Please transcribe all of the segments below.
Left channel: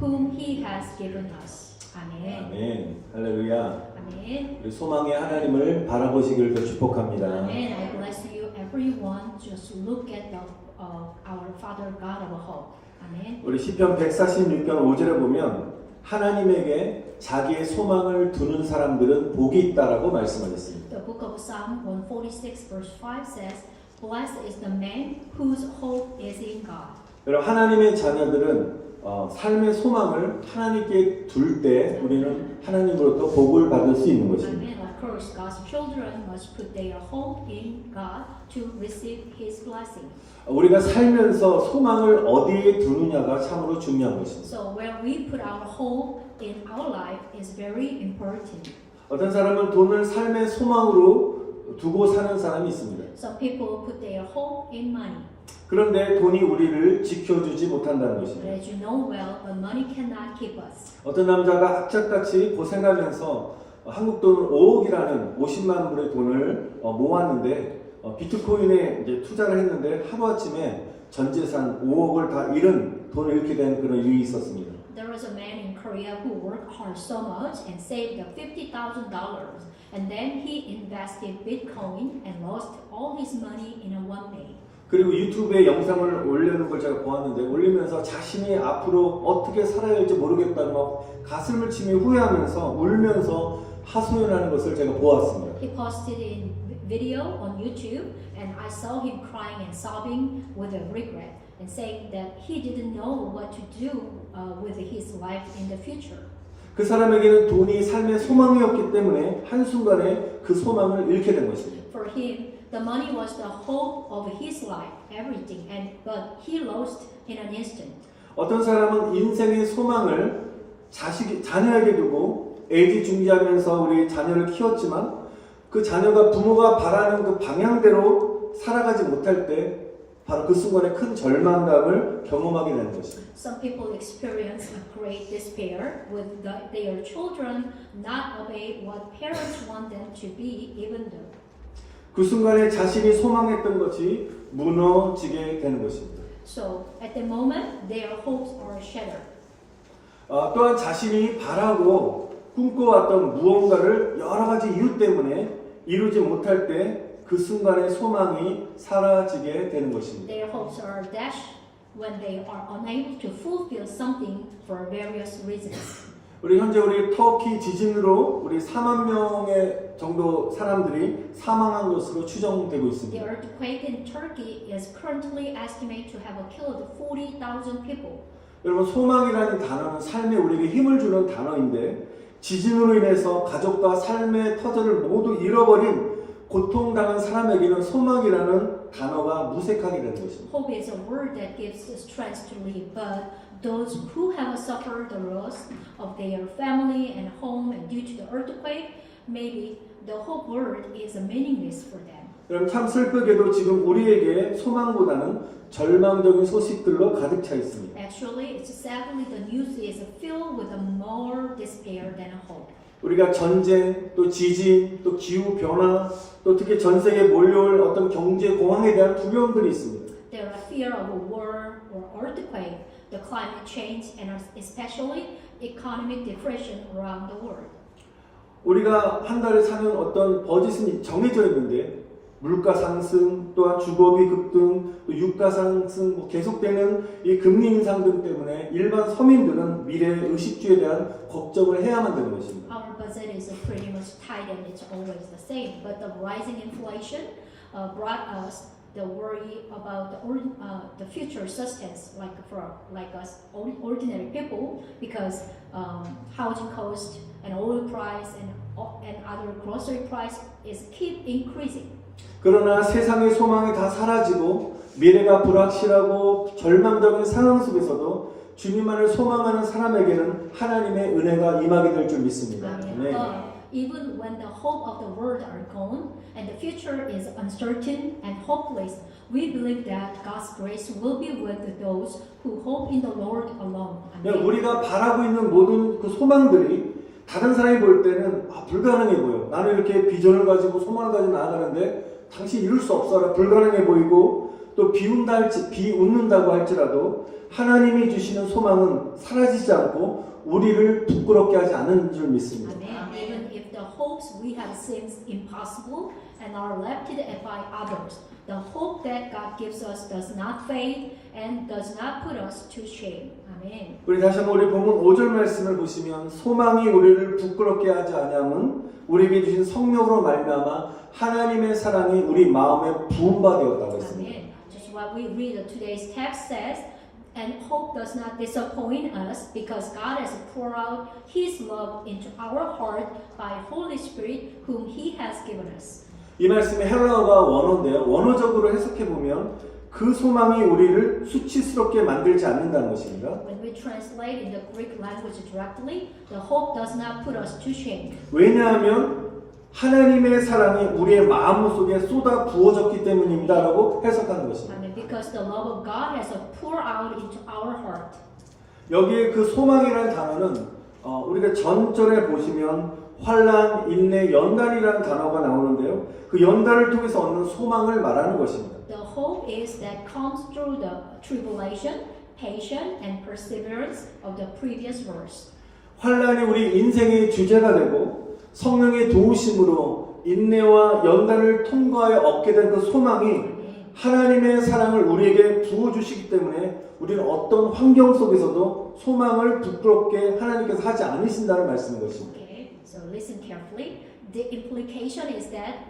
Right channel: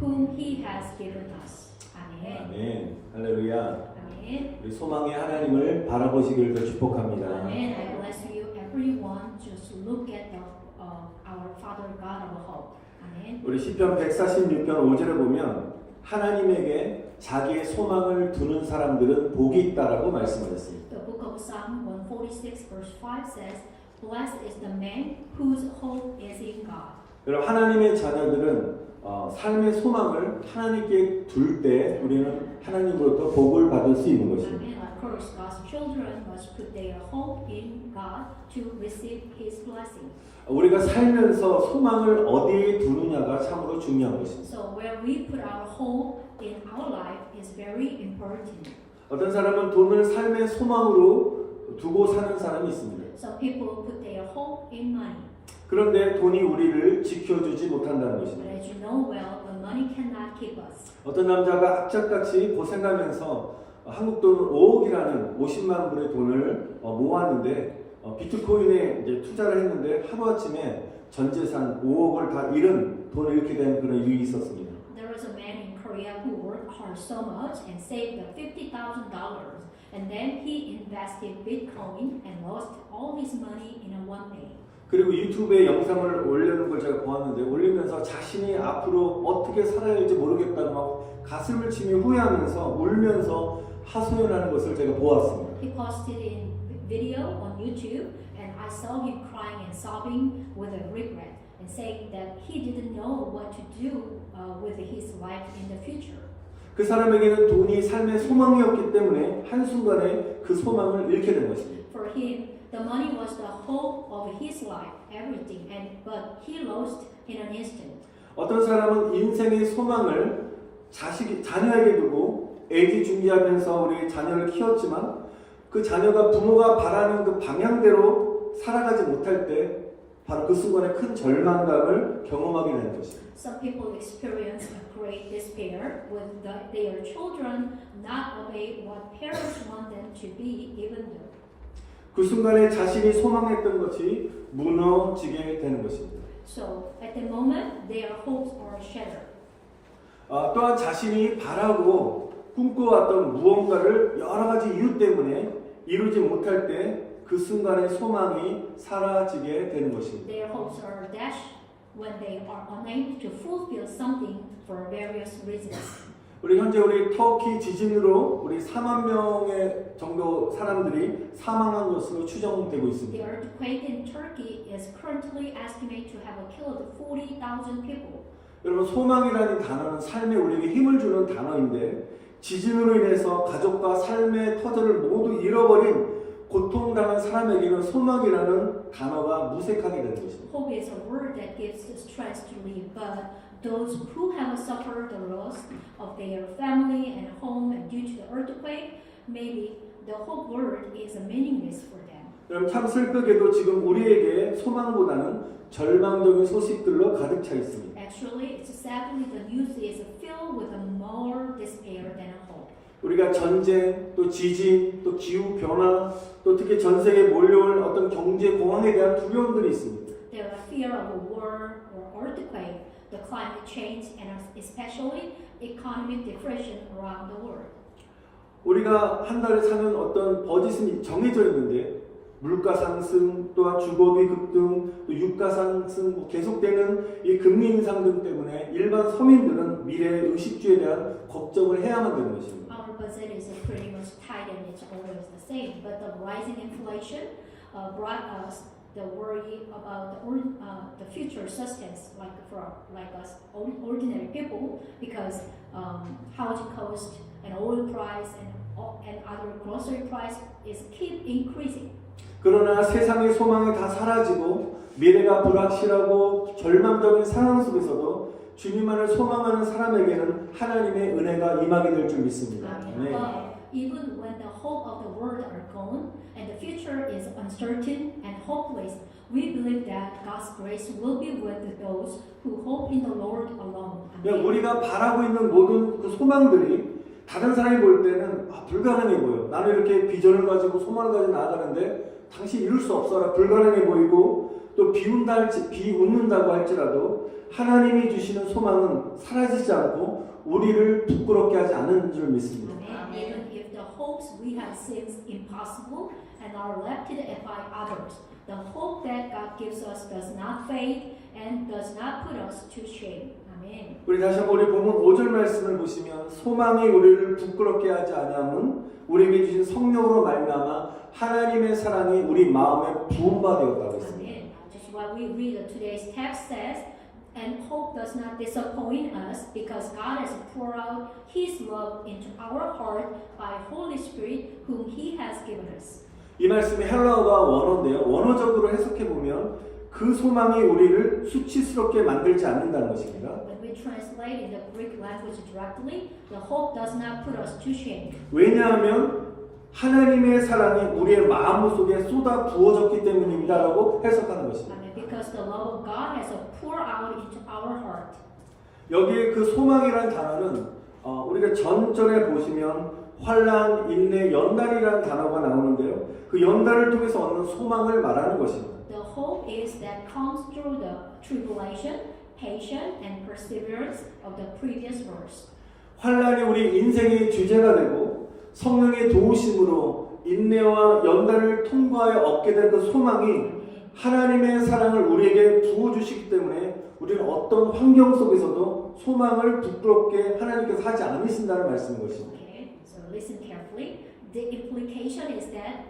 whom He has given us. 아멘. 아멘. 할렐루야. 아멘. 우리 소망의 하나님을 바라보시길 더 축복합니다. Amen. I bless you, everyone. Just look at our Father God of hope. Amen. 우리 시편 146편 5절에 보면 하나님에게 자기의 소망을 두는 사람들은 복이 있다라고 말씀하셨습니다. The book of Psalm 146 verse 5 says, "Blessed is the man whose hope is in God." 여러분 하나님의 자녀들은 삶의 소망을 하나님께 둘 때 우리는 하나님으로부터 복을 받을 수 있는 것입니다. Amen. Of course, God's children must put their hope in God to receive His blessing. 우리가 살면서 소망을 어디에 두느냐가 참으로 중요한 것입니다. So where we put our hope in our life is very important. 어떤 사람은 돈을 삶의 소망으로 두고 사는 사람이 있습니다. Some people put their hope in money. 그런데 돈이 우리를 지켜주지 못한다는 But 것입니다. as you know well, the money cannot keep us. 어떤 남자가 악착같이 고생하면서 한국 돈 5억이라는 50만 불의 돈을 모았는데 비트코인에 이제 투자를 했는데 하루아침에 전 재산 5억을 다 잃은 돈을 잃게 된 그런 일이 있었습니다. There was a man in Korea who worked hard so much and saved $50,000, and then he invested Bitcoin and lost all his money in a one day. 그리고 유튜브에 영상을 올리는 걸 제가 보았는데 올리면서 자신이 앞으로 어떻게 살아야 할지 모르겠다고 막 가슴을 치며 후회하면서 울면서 하소연하는 것을 제가 보았습니다. He posted in video on YouTube, and I saw him crying and sobbing with a regret and saying that he didn't know what to do with his life in the future. 그 사람에게는 돈이 삶의 소망이었기 때문에 한순간에 그 소망을 잃게 된 것입니다. For him, the money was the hope of his life, everything, but he lost in an instant. 어떤 사람은 인생의 소망을 자녀에게 두고 애지중지하면서 우리 자녀를 키웠지만 그 자녀가 부모가 바라는 그 방향대로 살아가지 못할 때 바로 그 순간에 큰 절망감을 경험하게 되는 것입니다. Some people experience a great despair with their children not obey what parents want them to be, even though. 그 순간에 자신이 소망했던 것이 무너지게 되는 것입니다. So at the moment, their hopes are shattered. 또한 자신이 바라고 꿈꿔왔던 무언가를 여러 가지 이유 때문에 이루지 못할 때 그 순간의 소망이 사라지게 되는 것입니다. Their hopes are dashed when they are unable to fulfill something for various reasons. 우리 현재 우리 터키 지진으로 우리 4만 명의 정도 사람들이 사망한 것으로 추정되고 The 있습니다. earthquake in Turkey is currently estimated to have killed 40,000 people. 여러분 소망이라는 단어는 삶에 우리에게 힘을 주는 단어인데 지진으로 인해서 가족과 삶의 터전을 모두 잃어버린 고통당한 사람에게는 소망이라는 단어가 무색하게 되는 것입니다. Hope is a word that gives strength to live, but those who have suffered the loss of their family and home and due to the earthquake, maybe the hope word is meaningless for them. 여러분 참 슬프게도 지금 우리에게 소망보다는 절망적인 소식들로 가득 차 있습니다. Actually, it's sadly the news is filled with more despair than hope. 우리가 전쟁, 또 지진, 또 기후 변화, 또 특히 전 세계에 몰려올 어떤 경제 공황에 대한 두려움들이 있습니다. There are fear of a war or earthquake, the climate change, and especially economic depression around the world. 우리가 한 달에 사는 어떤 버짓이 정해져 있는데 물가 상승, 또한 주거비 급등, 또 유가 상승, 계속되는 이 금리 인상 등 때문에 일반 서민들은 미래의 의식주에 대한 걱정을 해야만 되는 것입니다. Our budget is pretty much tight and it's always the same, but the rising inflation brought us the worry about the future sustenance, like us ordinary people, because housing cost and oil price and other grocery price is keep increasing. 그러나 세상의 소망이 다 사라지고 미래가 불확실하고 절망적인 상황 속에서도 주님만을 소망하는 사람에게는 하나님의 은혜가 임하게 될 줄 믿습니다. 네. Even when the hope of the world are gone and the future is uncertain and hopeless, we believe that God's grace will be with those who hope in the Lord alone. 그냥 우리가 바라고 있는 모든 그 소망들이 다른 사람이 볼 때는 불가능해 보여. 나는 이렇게 비전을 가지고 소망을 가지고 나아가는데 당신 이룰 수 없어라 불가능해 보이고 또 비웃는다고 할지라도 하나님이 주시는 소망은 사라지지 않고 우리를 부끄럽게 하지 않는 줄 믿습니다. Amen. Even if the hopes we have seems impossible and are left by others, the hope that God gives us does not fade and does not put us to shame. 아멘. 우리 다시 한번 우리 본문 5절 말씀을 보시면 소망이 우리를 부끄럽게 하지 아니함은 우리에게 주신 성령으로 말미암아 하나님의 사랑이 우리 마음에 부음바 되었다고 했습니다. Amen. Just what we read today's text says, and hope does not disappoint us because God has poured out His love into our heart by Holy Spirit whom He has given us. 이 말씀이 헬라어가 원어인데요. 원어적으로 해석해 보면 그 소망이 우리를 수치스럽게 만들지 않는다는 것입니다. When we translate in the Greek language directly, the hope does not put us to shame. 왜냐하면 하나님의 사랑이 우리의 마음 속에 쏟아 부어졌기 때문입니다라고 해석하는 것입니다. Amen. Because the love of God has poured out into our heart. 여기에 그 소망이라는 단어는 우리가 전절에 보시면 환난, 인내, 연단이라는 단어가 나오는데요. 그 연단을 통해서 얻는 소망을 말하는 것입니다. The hope is that comes through the tribulation, patience, and perseverance of the previous verse. 환난이 우리 인생의 주제가 되고 성령의 도우심으로 인내와 연단을 통과하여 얻게 된 그 소망이 하나님의 사랑을 우리에게 부어주시기 때문에 우리는 어떤 환경 속에서도 소망을 부끄럽게 하나님께서 하지 않으신다는 말씀인 것입니다. Okay, so listen carefully. The implication is that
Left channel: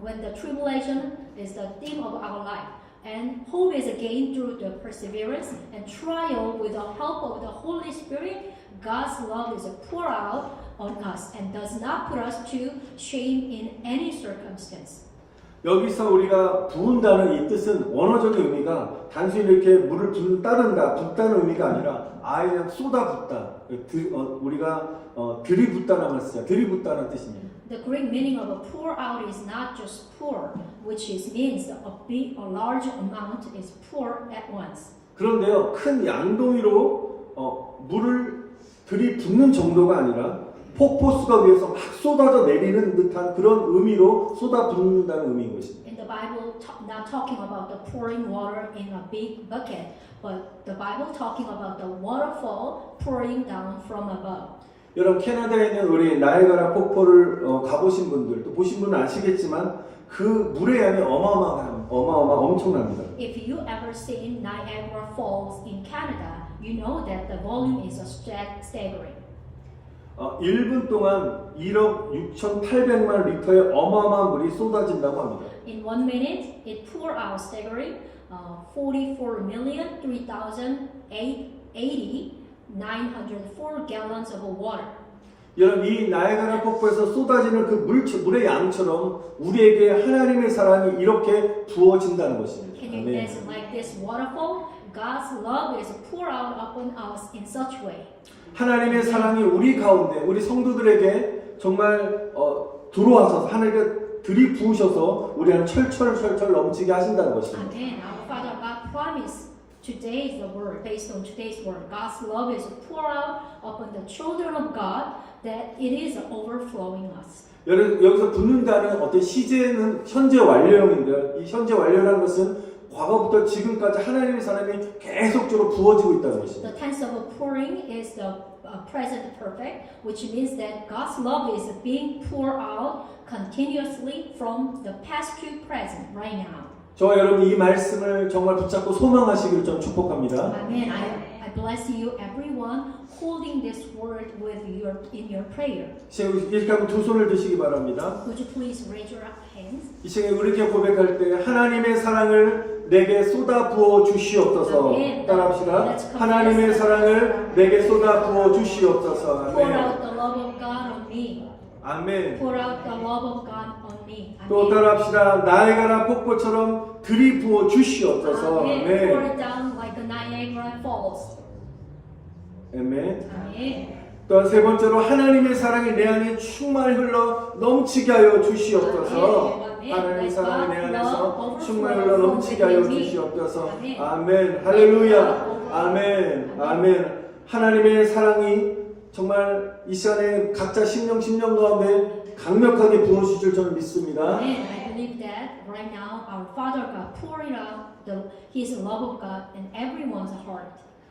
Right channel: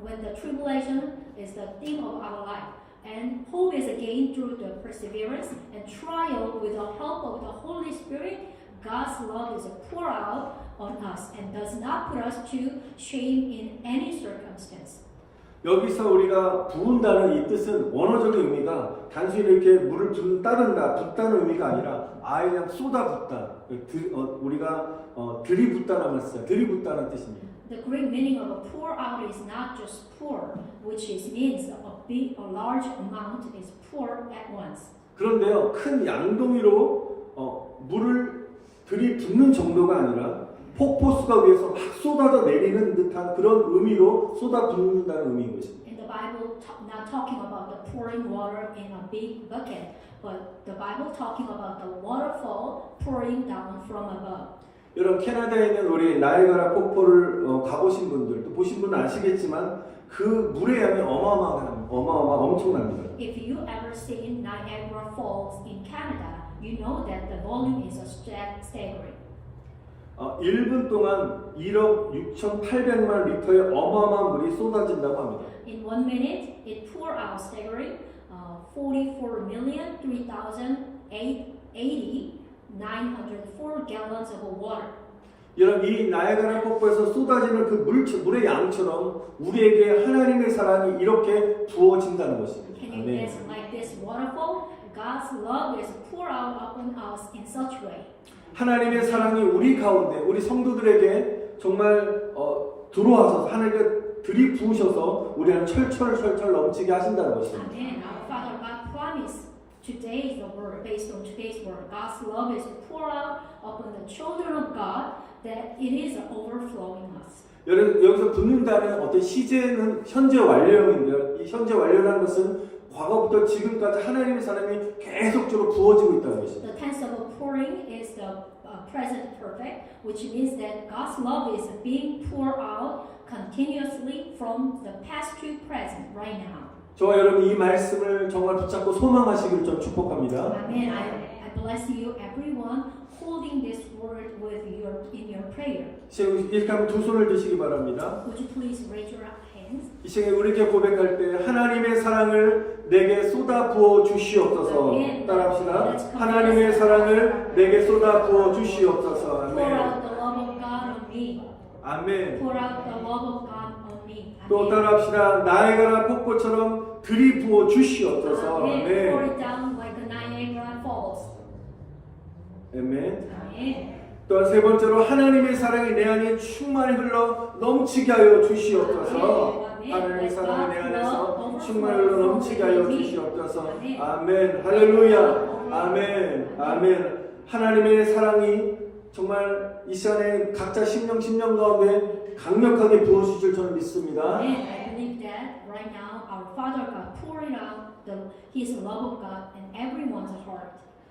when the tribulation is the theme of our life, and hope is gained through the perseverance and trial with the help of the Holy Spirit, God's love is poured out on us and does not put us to shame in any circumstance. 여기서 우리가 부은다는 이 뜻은 원어적인 의미가 단순히 이렇게 물을 따른다, 붓다는 의미가 아니라 아예 그냥 쏟아붓다. 우리가 들이붓다는 말을 써요. 들이붓다는 뜻입니다. The Greek meaning of pour out is not just pour, which means a large amount is poured at once. 그런데요, 큰 양동이로 물을 들이붓는 정도가 아니라 폭포수가 위에서 막 쏟아져 내리는 듯한 그런 의미로 쏟아붓는다는 의미인 것입니다. In the Bible, not talking about the pouring water in a big bucket, but the Bible talking about the waterfall pouring down from above. 여러분 캐나다에 있는 우리 나이아가라 폭포를 가보신 분들 또 보신 분은 아시겠지만 그 물의 양이 엄청납니다. If you ever seen Niagara Falls in Canada, you know that the volume is staggering. 1분 동안 1억 6,800만 리터의 어마어마한 물이 쏟아진다고 합니다. In 1 minute, it poured out staggering 44,380,904 gallons of water. 여러분 이 나이아가라 폭포에서 쏟아지는 그 물의 양처럼 우리에게 하나님의 사랑이 이렇게 부어진다는 것입니다. Can you imagine like this waterfall? God's love is poured out upon us in such way. 하나님의 사랑이 우리 가운데 우리 성도들에게 정말 들어와서 하나님께 들이부으셔서 우리는 철철 넘치게 하신다는 것입니다. Amen. Our Father God promised today's the word based on today's word. God's love is poured out upon the children of God that it is overflowing us. 여기서 붙는다는 어떤 시제는 현재 완료형인데요. 이 현재 완료라는 것은 과거부터 지금까지 하나님의 사랑이 계속적으로 부어지고 있다는 것입니다. The tense of pouring is the present perfect, which means that God's love is being poured out continuously from the past to present right now. 저와 여러분 이 말씀을 정말 붙잡고 소망하시기를 좀 축복합니다. Amen. I bless you, everyone, holding this word with in your prayer. 이렇게 하면 두 손을 드시기 바랍니다. Would you please raise your hands? 이 시간에 우리에게 고백할 때 하나님의 사랑을 내게 쏟아 부어 주시옵소서. 따라합시다. 하나님의 사랑을 내게 쏟아 부어 주시옵소서. Pour 아멘. out the love of God on me. 아멘. Pour out the love of God on me. 또 따라합시다. 나이아가라 폭포처럼 들이부어 주시옵소서. Amen. Pour 아멘. it down like the Niagara Falls. 아멘. Amen. 또한 세 번째로 하나님의 사랑이 내 안에 충만히 흘러 넘치게 하여 주시옵소서. 하나님의 사랑이 내 안에서 충만히 흘러 넘치게 하여 주시옵소서. 아멘. 할렐루야. 아멘. 아멘. 하나님의 사랑이 정말 이 시간에 각자 심령 가운데 강력하게 부어주실 줄 저는 믿습니다. Amen. I believe that right now our Father God pouring out His love of God in everyone's heart.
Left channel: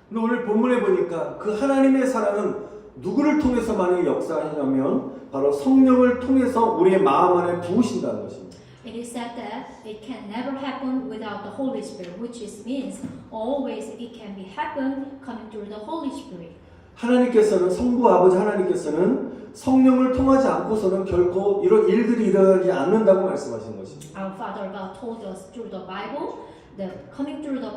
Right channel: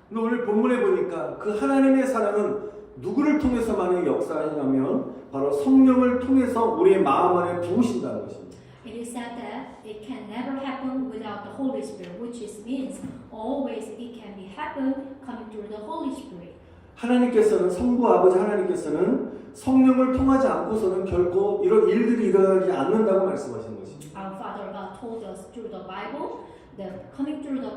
근데 오늘 본문에 보니까 그 하나님의 사랑은 누구를 통해서 만약에 역사하냐면 바로 성령을 통해서 우리의 마음 안에 부으신다는 것입니다. It is said that it can never happen without the Holy Spirit, which means always it can be happen coming through the Holy Spirit. 하나님께서는 성부 아버지 하나님께서는 성령을 통하지 않고서는 결코 이런 일들이 일어나지 않는다고 말씀하신 것입니다. Our Father God told us through the Bible that coming through the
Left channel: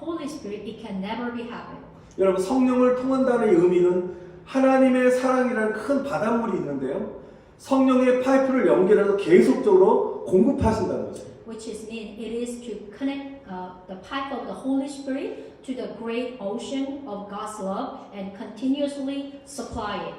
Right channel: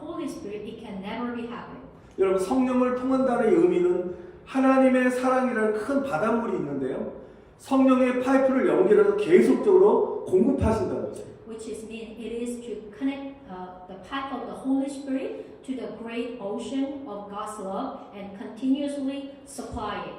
Holy Spirit, it can never be happen. 여러분 성령을 통한다는 의미는 하나님의 사랑이라는 큰 바닷물이 있는데요. 성령의 파이프를 연결해서 계속적으로 공급하신다는 거죠. Which mean it is to connect the pipe of the Holy Spirit to the great ocean of God's love and continuously supply it.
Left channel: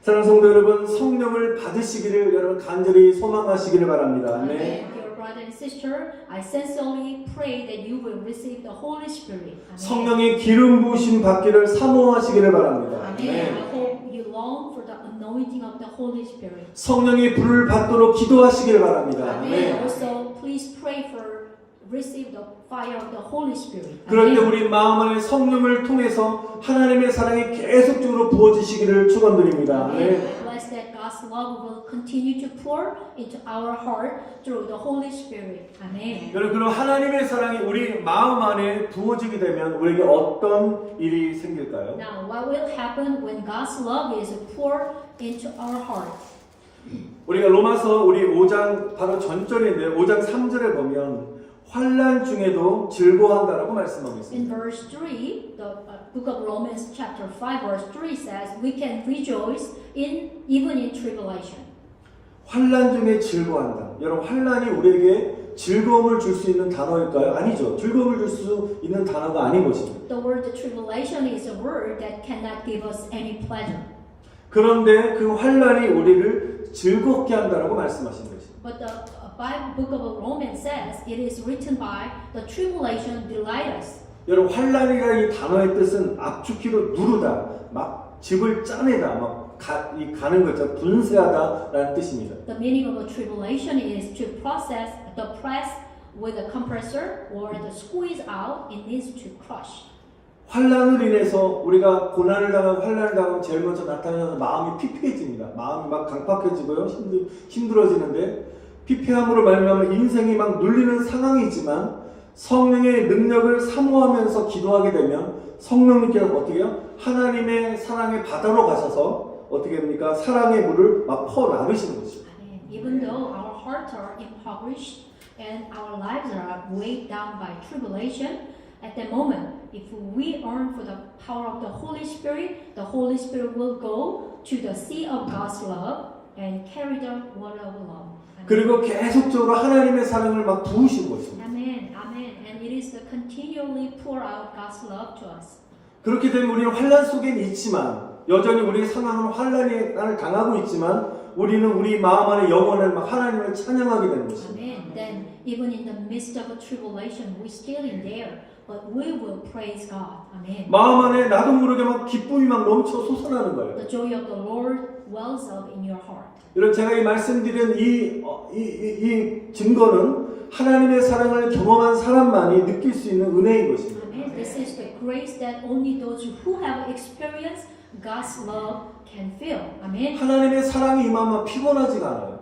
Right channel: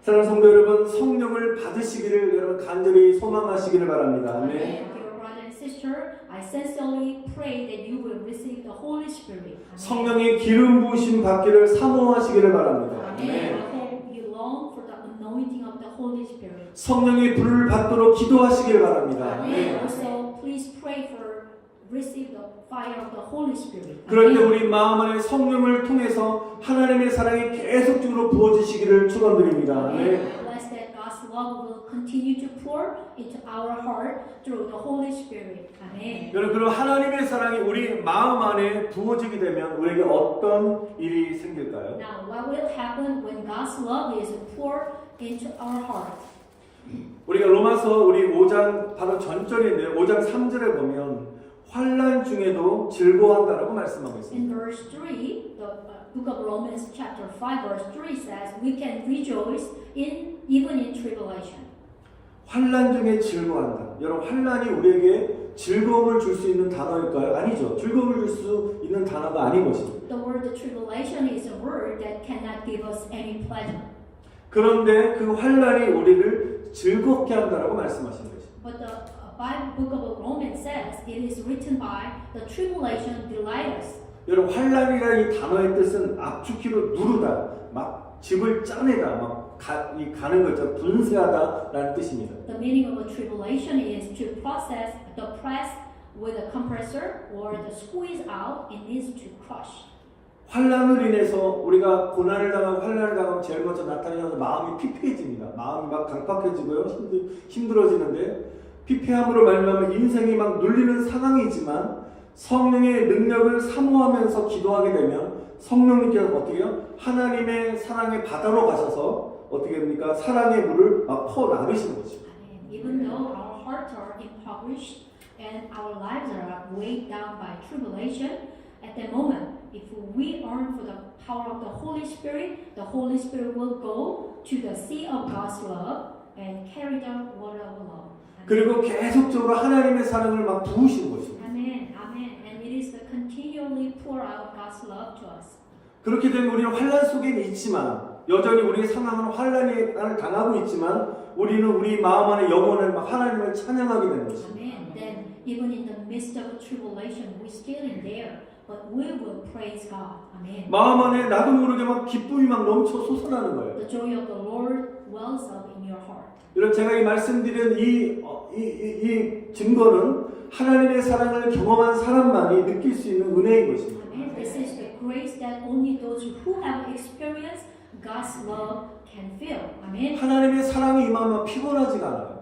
사랑하는 성도 여러분, 성령을 받으시기를 여러분 간절히 소망하시기를 바랍니다. 네. Dear brother and sister, I sincerely pray that you will receive the Holy Spirit. 성령의 기름 부으심 받기를 사모하시기를 바랍니다. Amen. 네. I hope you long for the anointing of the Holy Spirit. 성령의 불을 받도록 기도하시기를 바랍니다. Amen. 네. Also, please pray for receive the fire of the Holy Spirit. 그럴 때 Amen. 우리 마음 안에 성령을 통해서 하나님의 사랑이 계속적으로 부어지시기를 축원드립니다. 네. Bless that God's love will continue to pour into our heart through the Holy Spirit. Amen. 여러분, 그럼 하나님의 사랑이 우리 마음 안에 부어지게 되면 우리에게 어떤 일이 생길까요? Now, what will happen when God's love is poured into our heart? 우리가 로마서 우리 5장 바로 전절인데 5장 3절에 보면 환난 중에도 즐거워한다라고 말씀하고 In 있습니다. verse 3, the book of Romans chapter 5 verse 3 says, we can rejoice even in tribulation. 환난 중에 즐거워한다. 여러분 환난이 우리에게 즐거움을 줄 수 있는 단어일까요? 아니죠. 즐거움을 줄 수 있는 단어가 아닌 것입니다. The word tribulation is a word that cannot give us any pleasure. 그런데 그 환난이 우리를 즐겁게 한다라고 말씀하신 거죠. But the Bible book of Romans says it is written by the tribulation delight us. 여러분 환난이라는 이 단어의 뜻은 압축키로 누르다, 막 집을 짜내다, 막 가는 거죠. 분쇄하다라는 뜻입니다. The meaning of a tribulation is to process the press with a compressor or the squeeze out. It means to crush. 환난으로 인해서 우리가 고난을 당하고 환난을 당하면 제일 먼저 나타나는 마음이 피폐해집니다. 마음이 막 강팍해지고요. 힘들어지는데 피폐함으로 말미암아 인생이 막 눌리는 상황이지만 성령의 능력을 사모하면서 기도하게 되면 성령님께서 어떻게 해요? 하나님의 사랑의 바다로 가셔서 어떻게 됩니까? 사랑의 물을 막 퍼나르시는 거죠. Even though our hearts are impoverished and our lives are weighed down by tribulation, at that moment, if we yearn for the power of the Holy Spirit will go to the sea of God's love and carry the water of love. 그리고 계속적으로 하나님의 사랑을 막 부으시는 것입니다. Amen. Amen. And it is to continually pour out God's love to us. 그렇게 되면 우리는 환난 속에 있지만 여전히 우리의 상황은 환난을 당하고 있지만 우리는 우리 마음 안에 영혼을 막 하나님을 찬양하게 되는 것입니다. Amen. Then even in the midst of a tribulation, we still in there, but we will praise God. Amen. 마음 안에 나도 모르게 막 기쁨이 막 넘쳐 솟아나는 거예요. The joy of the Lord wells up in your heart. 여러분 제가 이 말씀드린 이 증거는 하나님의 사랑을 경험한 사람만이 느낄 수 있는 은혜인 것입니다. Amen. This is the grace that only those who have experienced God's love can feel. Amen. 하나님의 사랑이 임하면 피곤하지가 않아요.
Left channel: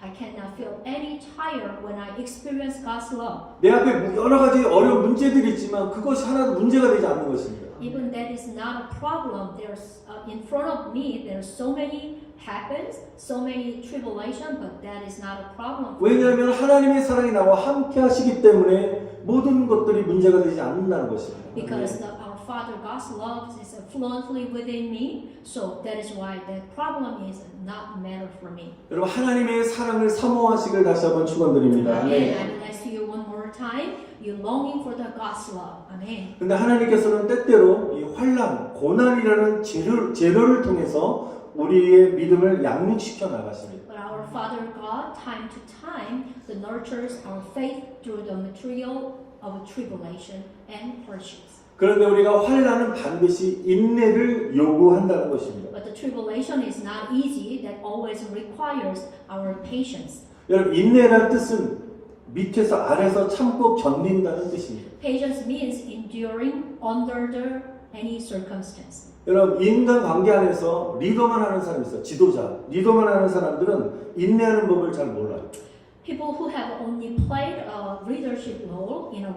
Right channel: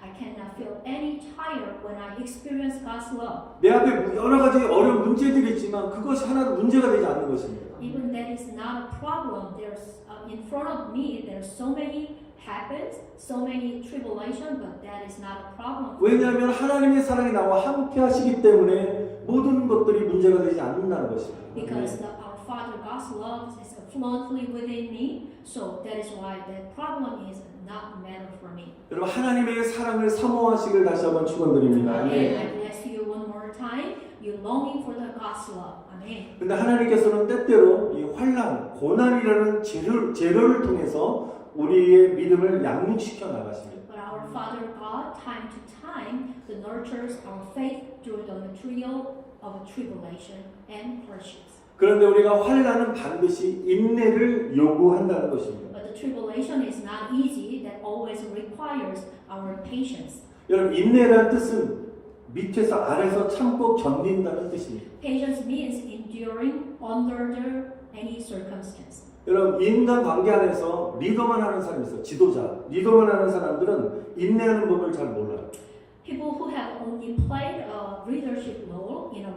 I cannot feel any tired when I experience God's love. 내 앞에 여러 가지 어려운 문제들이 있지만 그것이 하나도 문제가 되지 않는 것입니다. Even that is not a problem. There's in front of me. There's so many happens, so many tribulation, but that is not a problem. 왜냐하면 하나님의 사랑이 나와 함께 하시기 때문에 모든 것들이 문제가 되지 않는다는 것입니다. Because our Father God's love is fluently within me, so that is why that problem is not matter for me. 여러분 하나님의 사랑을 사모하시길 다시 한번 축원드립니다. Amen. I bless you one more time. You longing for the God's love. Amen. 근데 하나님께서는 때때로 이 환난, 고난이라는 재료를 통해서 우리의 믿음을 양육시켜 나가십니다. But our Father God, time to time, nurtures our faith through the material of tribulation and hardships. 그런데 우리가 환난은 반드시 인내를 요구한다는 것입니다. But the tribulation is not easy. That always requires our patience. 여러분 인내란 뜻은 밑에서 아래서 참고 견딘다는 뜻입니다. Patience means enduring under any circumstance. 여러분 인간 관계 안에서 리더만 하는 사람이 있어요. 지도자. 리더만 하는 사람들은 인내하는 법을 잘 몰라요. People who have only played a leadership role in a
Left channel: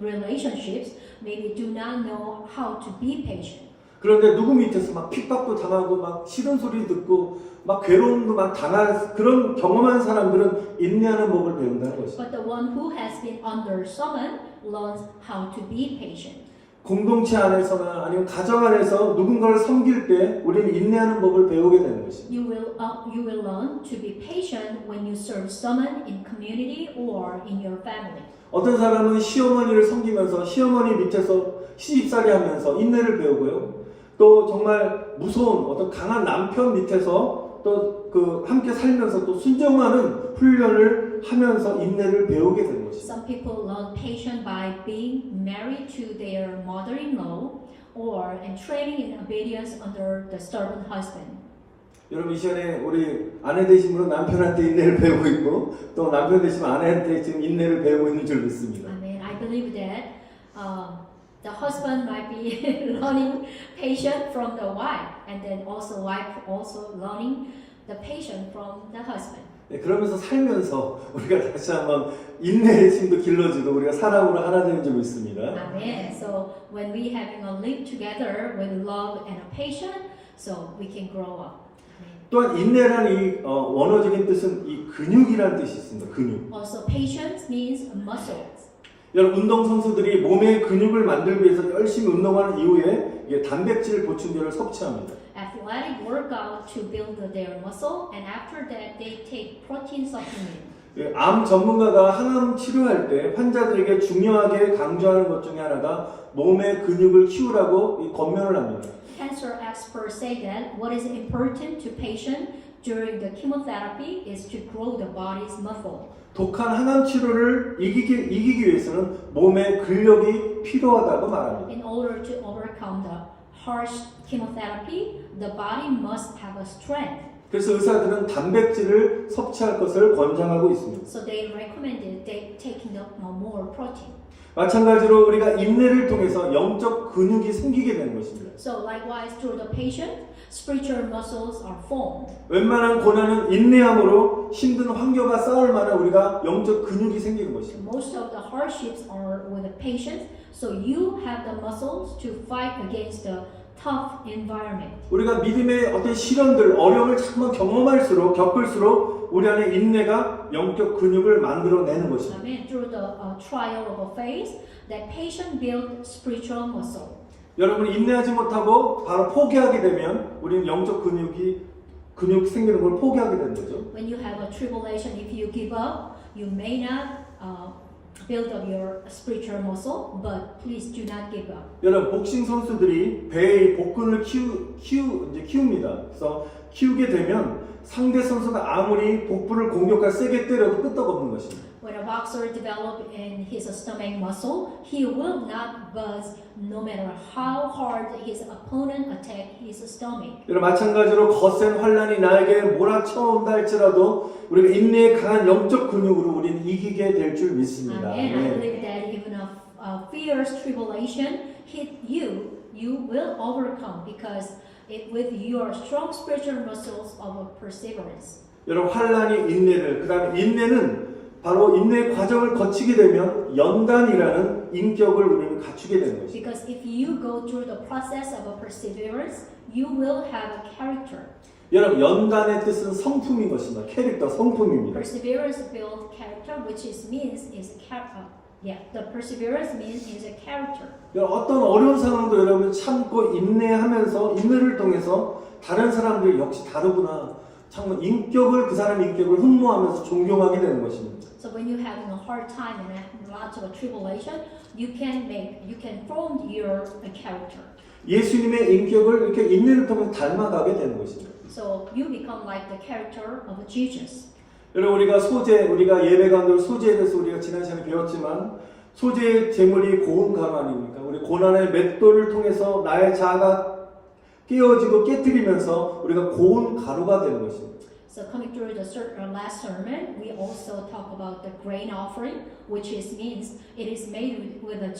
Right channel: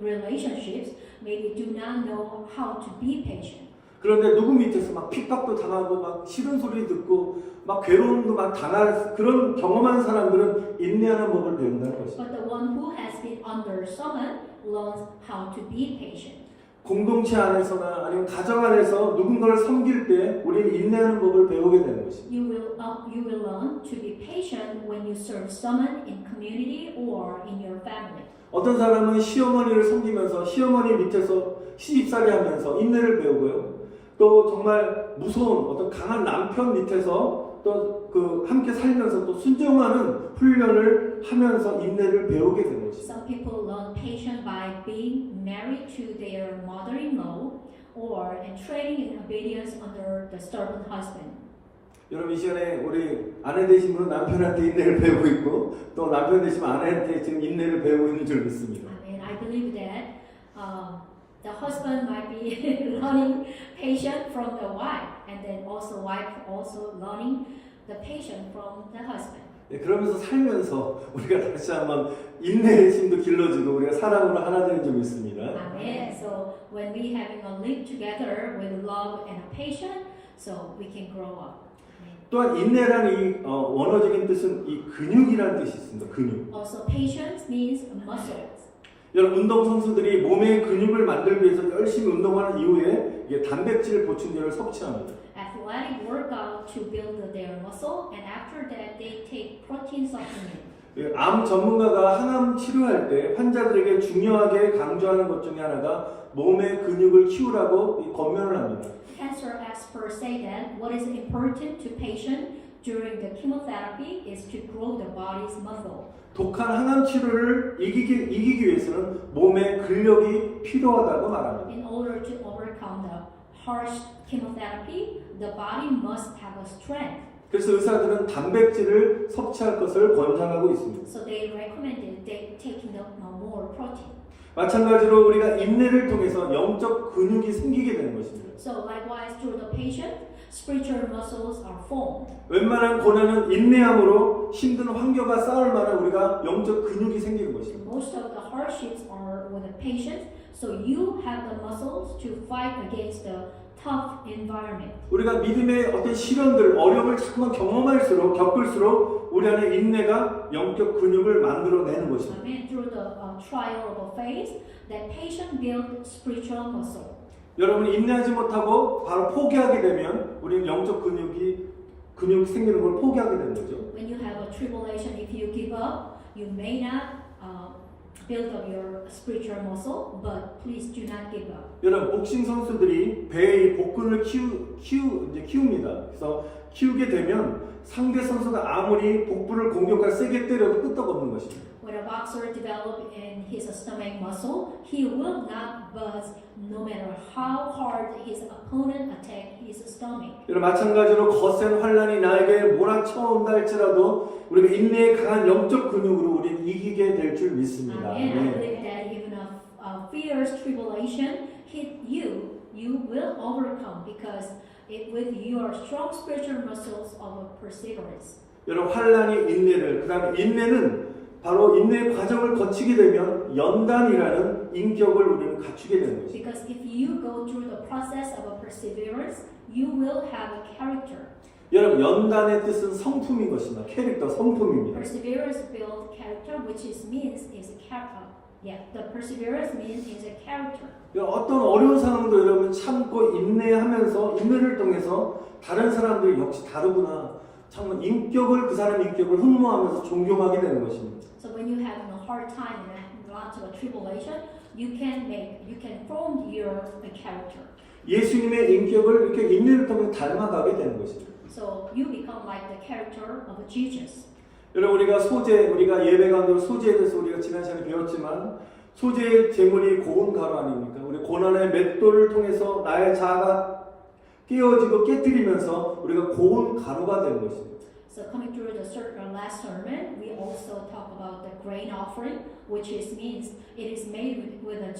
relationships maybe do not know how to be patient. 그런데 누구 밑에서 막 핍박도 당하고 막 싫은 소리 듣고 막 괴로움도 막 당할 그런 경험한 사람들은 인내하는 법을 배운다는 것이죠. But the one who has been under someone learns how to be patient. 공동체 안에서나 아니면 가정 안에서 누군가를 섬길 때 우리는 인내하는 법을 배우게 되는 것입니다. You will learn to be patient when you serve someone in community or in your family. 어떤 사람은 시어머니를 섬기면서 시어머니 밑에서 시집살이 하면서 인내를 배우고요. 또 정말 무서운 어떤 강한 남편 밑에서 또 그 함께 살면서 또 순종하는 훈련을 하면서 인내를 배우게 되는 것입니다. Some people learn patience by being married to their mother-in-law or in training in obedience under the stubborn husband. 여러분 이 시간에 우리 아내 되신 분은 남편한테 인내를 배우고 있고 또 남편 되시면 아내한테 지금 인내를 배우고 있는 줄 믿습니다. I mean, I believe that the husband might be learning patience from the wife, and then also wife also learning the patience from the husband. 네, 그러면서 살면서 우리가 다시 한번 인내의 힘도 길러지고 우리가 사랑으로 하나 되는 줄 믿습니다. Amen. So when we having a live together with love and a patience, so we can grow up. 또한 인내라는 이 원어적인 뜻은 이 근육이라는 뜻이 있습니다. 근육. Also, patience means muscles. 여러분 운동 선수들이 몸의 근육을 만들기 위해서 열심히 운동하는 이후에 이게 단백질 보충제를 섭취합니다. Athletic workout to build their muscle, and after that they take protein supplement. 암 전문가가 항암 치료할 때 환자들에게 중요하게 강조하는 것 중에 하나가 몸의 근육을 키우라고 권면을 합니다. Cancer experts say that what is important to patient during the chemotherapy is to grow the body's muscle. 독한 항암 치료를 이기기 위해서는 몸의 근력이 필요하다고 말합니다. In order to overcome the harsh chemotherapy, the body must have a strength. 그래서 의사들은 단백질을 섭취할 것을 권장하고 있습니다. So they recommended they taking up more protein. 마찬가지로 우리가 인내를 통해서 영적 근육이 생기게 되는 것입니다. So likewise, through the patient, spiritual muscles are formed. 웬만한 고난은 인내함으로 힘든 환경과 싸울 만한 우리가 영적 근육이 생기는 것입니다. Most of the hardships are with the patient, so you have the muscles to fight against the tough environment. 우리가 믿음의 어떤 시련들, 어려움을 자꾸만 겪을수록 우리 안에 인내가 영적 근육을 만들어내는 것입니다. Amen. Through the trial of a faith, that patient build spiritual muscle. 여러분이 인내하지 못하고 바로 포기하게 되면 우리는 영적 근육 생기는 걸 포기하게 되는 거죠. When you have a tribulation, if you give up, you may not build up your spiritual muscle, but please do not give up. 여러분 복싱 선수들이 배의 복근을 키웁니다. 그래서 키우게 되면 상대 선수가 아무리 복부를 공격할 세게 때려도 끄떡없는 것입니다. When a boxer develops in his stomach muscle, he will not budge no matter how hard his opponent attack his stomach. 여러분 마찬가지로 거센 환란이 나에게 몰아쳐온다 할지라도 우리가 인내의 강한 영적 근육으로 우리는 이기게 될 줄 믿습니다. And I believe that even a fierce tribulation hit you, you will overcome because with your strong spiritual muscles of perseverance. 여러분 환란이 인내를 그다음에 인내는 바로 인내 과정을 거치게 되면 연단이라는 인격을 우리는 갖추게 되는 것입니다. Because if you go through the process of a perseverance, you will have a character. 여러분 연단의 뜻은 성품인 것입니다. 캐릭터, 성품입니다. Perseverance builds character, which means is character. Yeah, the perseverance means is a character. 어떤 어려운 상황도 여러분 참고 인내하면서 인내를 통해서 다른 사람들이 역시 다르구나. 정말 인격을 그 사람의 인격을 흠모하면서 존경하게 되는 것입니다. So when you're having a hard time and lots of tribulation, you can form your character. 예수님의 인격을 이렇게 인내를 통해서 닮아가게 되는 것입니다. So you become like the character of Jesus. 여러분 우리가 예배 가운데로 소재에 대해서 우리가 지난 시간에 배웠지만 소재의 제물이 고운 가루 아닙니까? 우리 고난의 맷돌을 통해서 나의 자아가 깨어지고 깨뜨리면서 우리가 고운 가루가 되는 것입니다. So coming through the last sermon, we also talk about the grain offering, which means it is made with a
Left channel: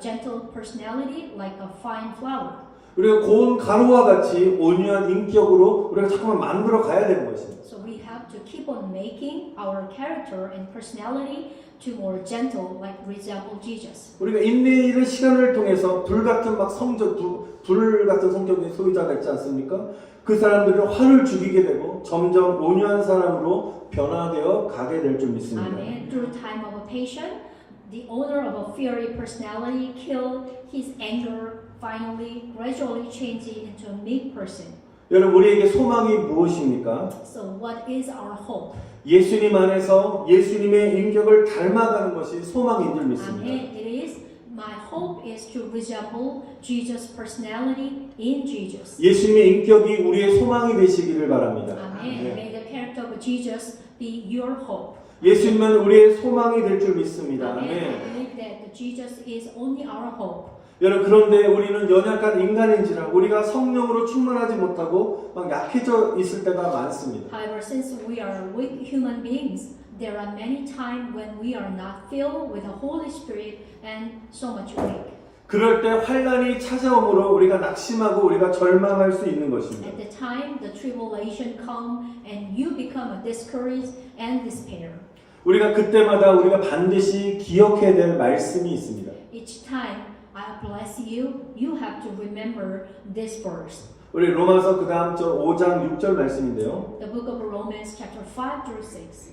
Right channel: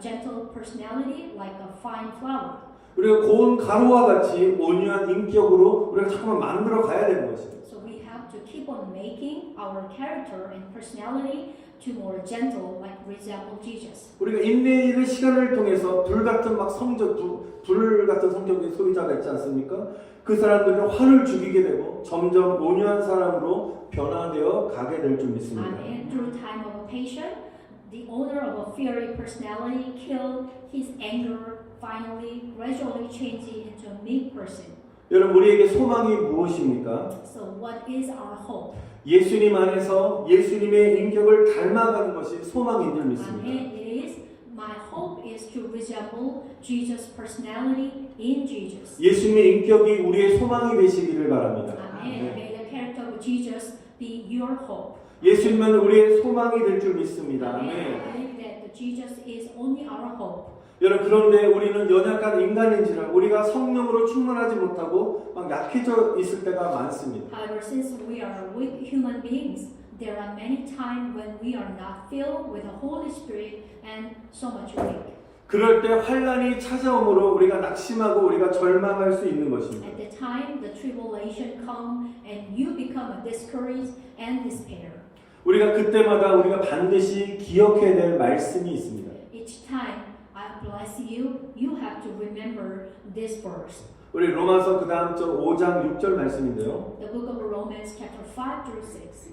gentle personality, like a fine flour. 우리가 고운 가루와 같이 온유한 인격으로 우리가 자꾸만 만들어 가야 되는 것입니다. So we have to keep on making our character and personality to more gentle, like resemble Jesus. 우리가 인내의 시간을 통해서 불 같은 성격의 소유자가 있지 않습니까? 그 사람들은 화를 죽이게 되고 점점 온유한 사람으로 변화되어 가게 될 줄 믿습니다. Amen. Through time of patience, the owner of a fiery personality killed his anger, finally, gradually changing into a meek person. 여러분, 우리에게 소망이 무엇입니까? So what is our hope? 예수님 안에서 예수님의 인격을 닮아가는 것이 소망인 줄 믿습니다. Amen. It is my hope is to resemble Jesus' personality in Jesus. 예수님의 인격이 우리의 소망이 되시기를 바랍니다. Amen. May the character of Jesus be your hope. 예수님은 우리의 소망이 될 줄 믿습니다. Amen. I 아멘. believe that Jesus is only our hope. 여러분, 그런데 우리는 연약한 인간인지라 우리가 성령으로 충만하지 못하고 막 약해져 있을 때가 많습니다. However, since we are weak human beings, there are many times when we are not filled with the Holy Spirit and so much weak. 그럴 때 환란이 찾아오므로 우리가 낙심하고 우리가 절망할 수 있는 것입니다. At the time the tribulation come and you become discouraged and despair. 우리가 그때마다 우리가 반드시 기억해야 될 말씀이 있습니다. Each time I bless you, you have to remember this verse. 우리 로마서 그 다음 절 5장 6절 말씀인데요. The book of Romans chapter 5 through 6.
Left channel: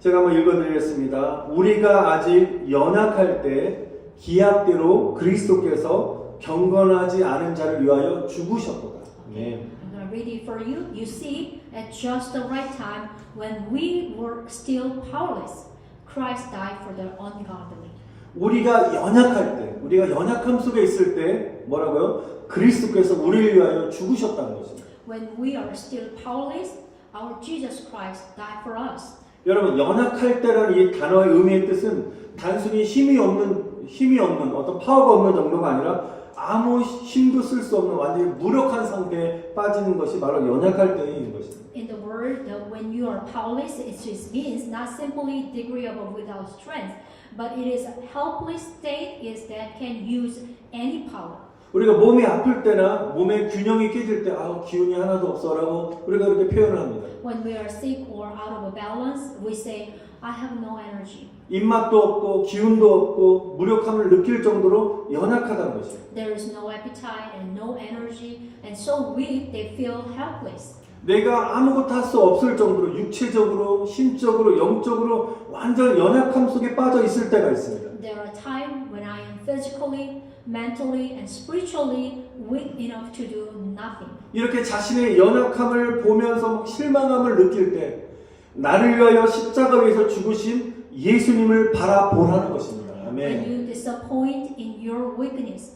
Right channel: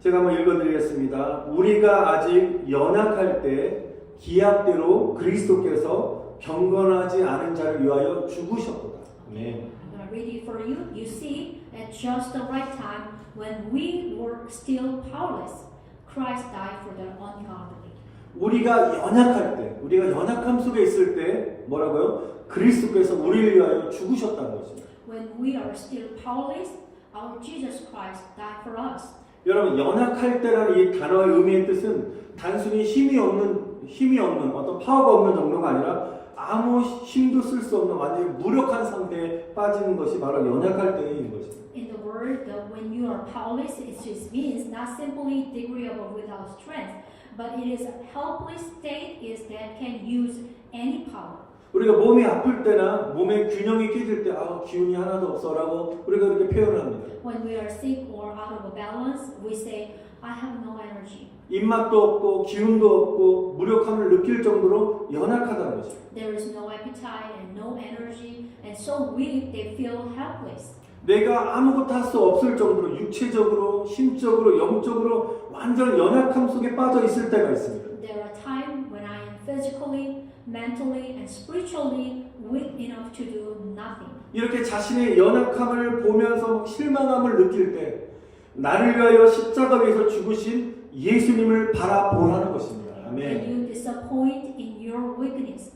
제가 한번 읽어드리겠습니다. 우리가 아직 연약할 때 기약대로 그리스도께서 경건하지 않은 자를 위하여 죽으셨도다. 아멘. I'm going to read it for you. You see, at just the right time, when we were still powerless, Christ died for the ungodly. 우리가 연약할 때, 우리가 연약함 속에 있을 때 뭐라고요? 그리스도께서 우리를 위하여 죽으셨다는 것입니다. When we are still powerless, our Jesus Christ died for us. 여러분, 연약할 때라는 이 단어의 의미의 뜻은 단순히 힘이 없는 어떤 파워가 없는 정도가 아니라 아무 힘도 쓸 수 없는 완전히 무력한 상태에 빠지는 것이 바로 연약할 때인 것입니다. In the word, when you are powerless, it just means not simply degree of without strength, but it is a helpless state is that can use any power. 우리가 몸이 아플 때나 몸의 균형이 깨질 때 기운이 하나도 없어라고 우리가 그렇게 표현을 합니다. When we are sick or out of balance, we say, I have no energy. 입맛도 없고 기운도 없고 무력함을 느낄 정도로 연약하다는 것입니다. There is no appetite and no energy, and so weak they feel helpless. 내가 아무것도 할 수 없을 정도로 육체적으로, 심적으로, 영적으로 완전 연약함 속에 빠져 있을 때가 있습니다. There are times when I am physically, mentally, and spiritually weak enough to do nothing. 이렇게 자신의 연약함을 보면서 실망함을 느낄 때 나를 위하여 십자가 위에서 죽으신 예수님을 바라보라는 것입니다. When 아멘. you disappoint in your weakness,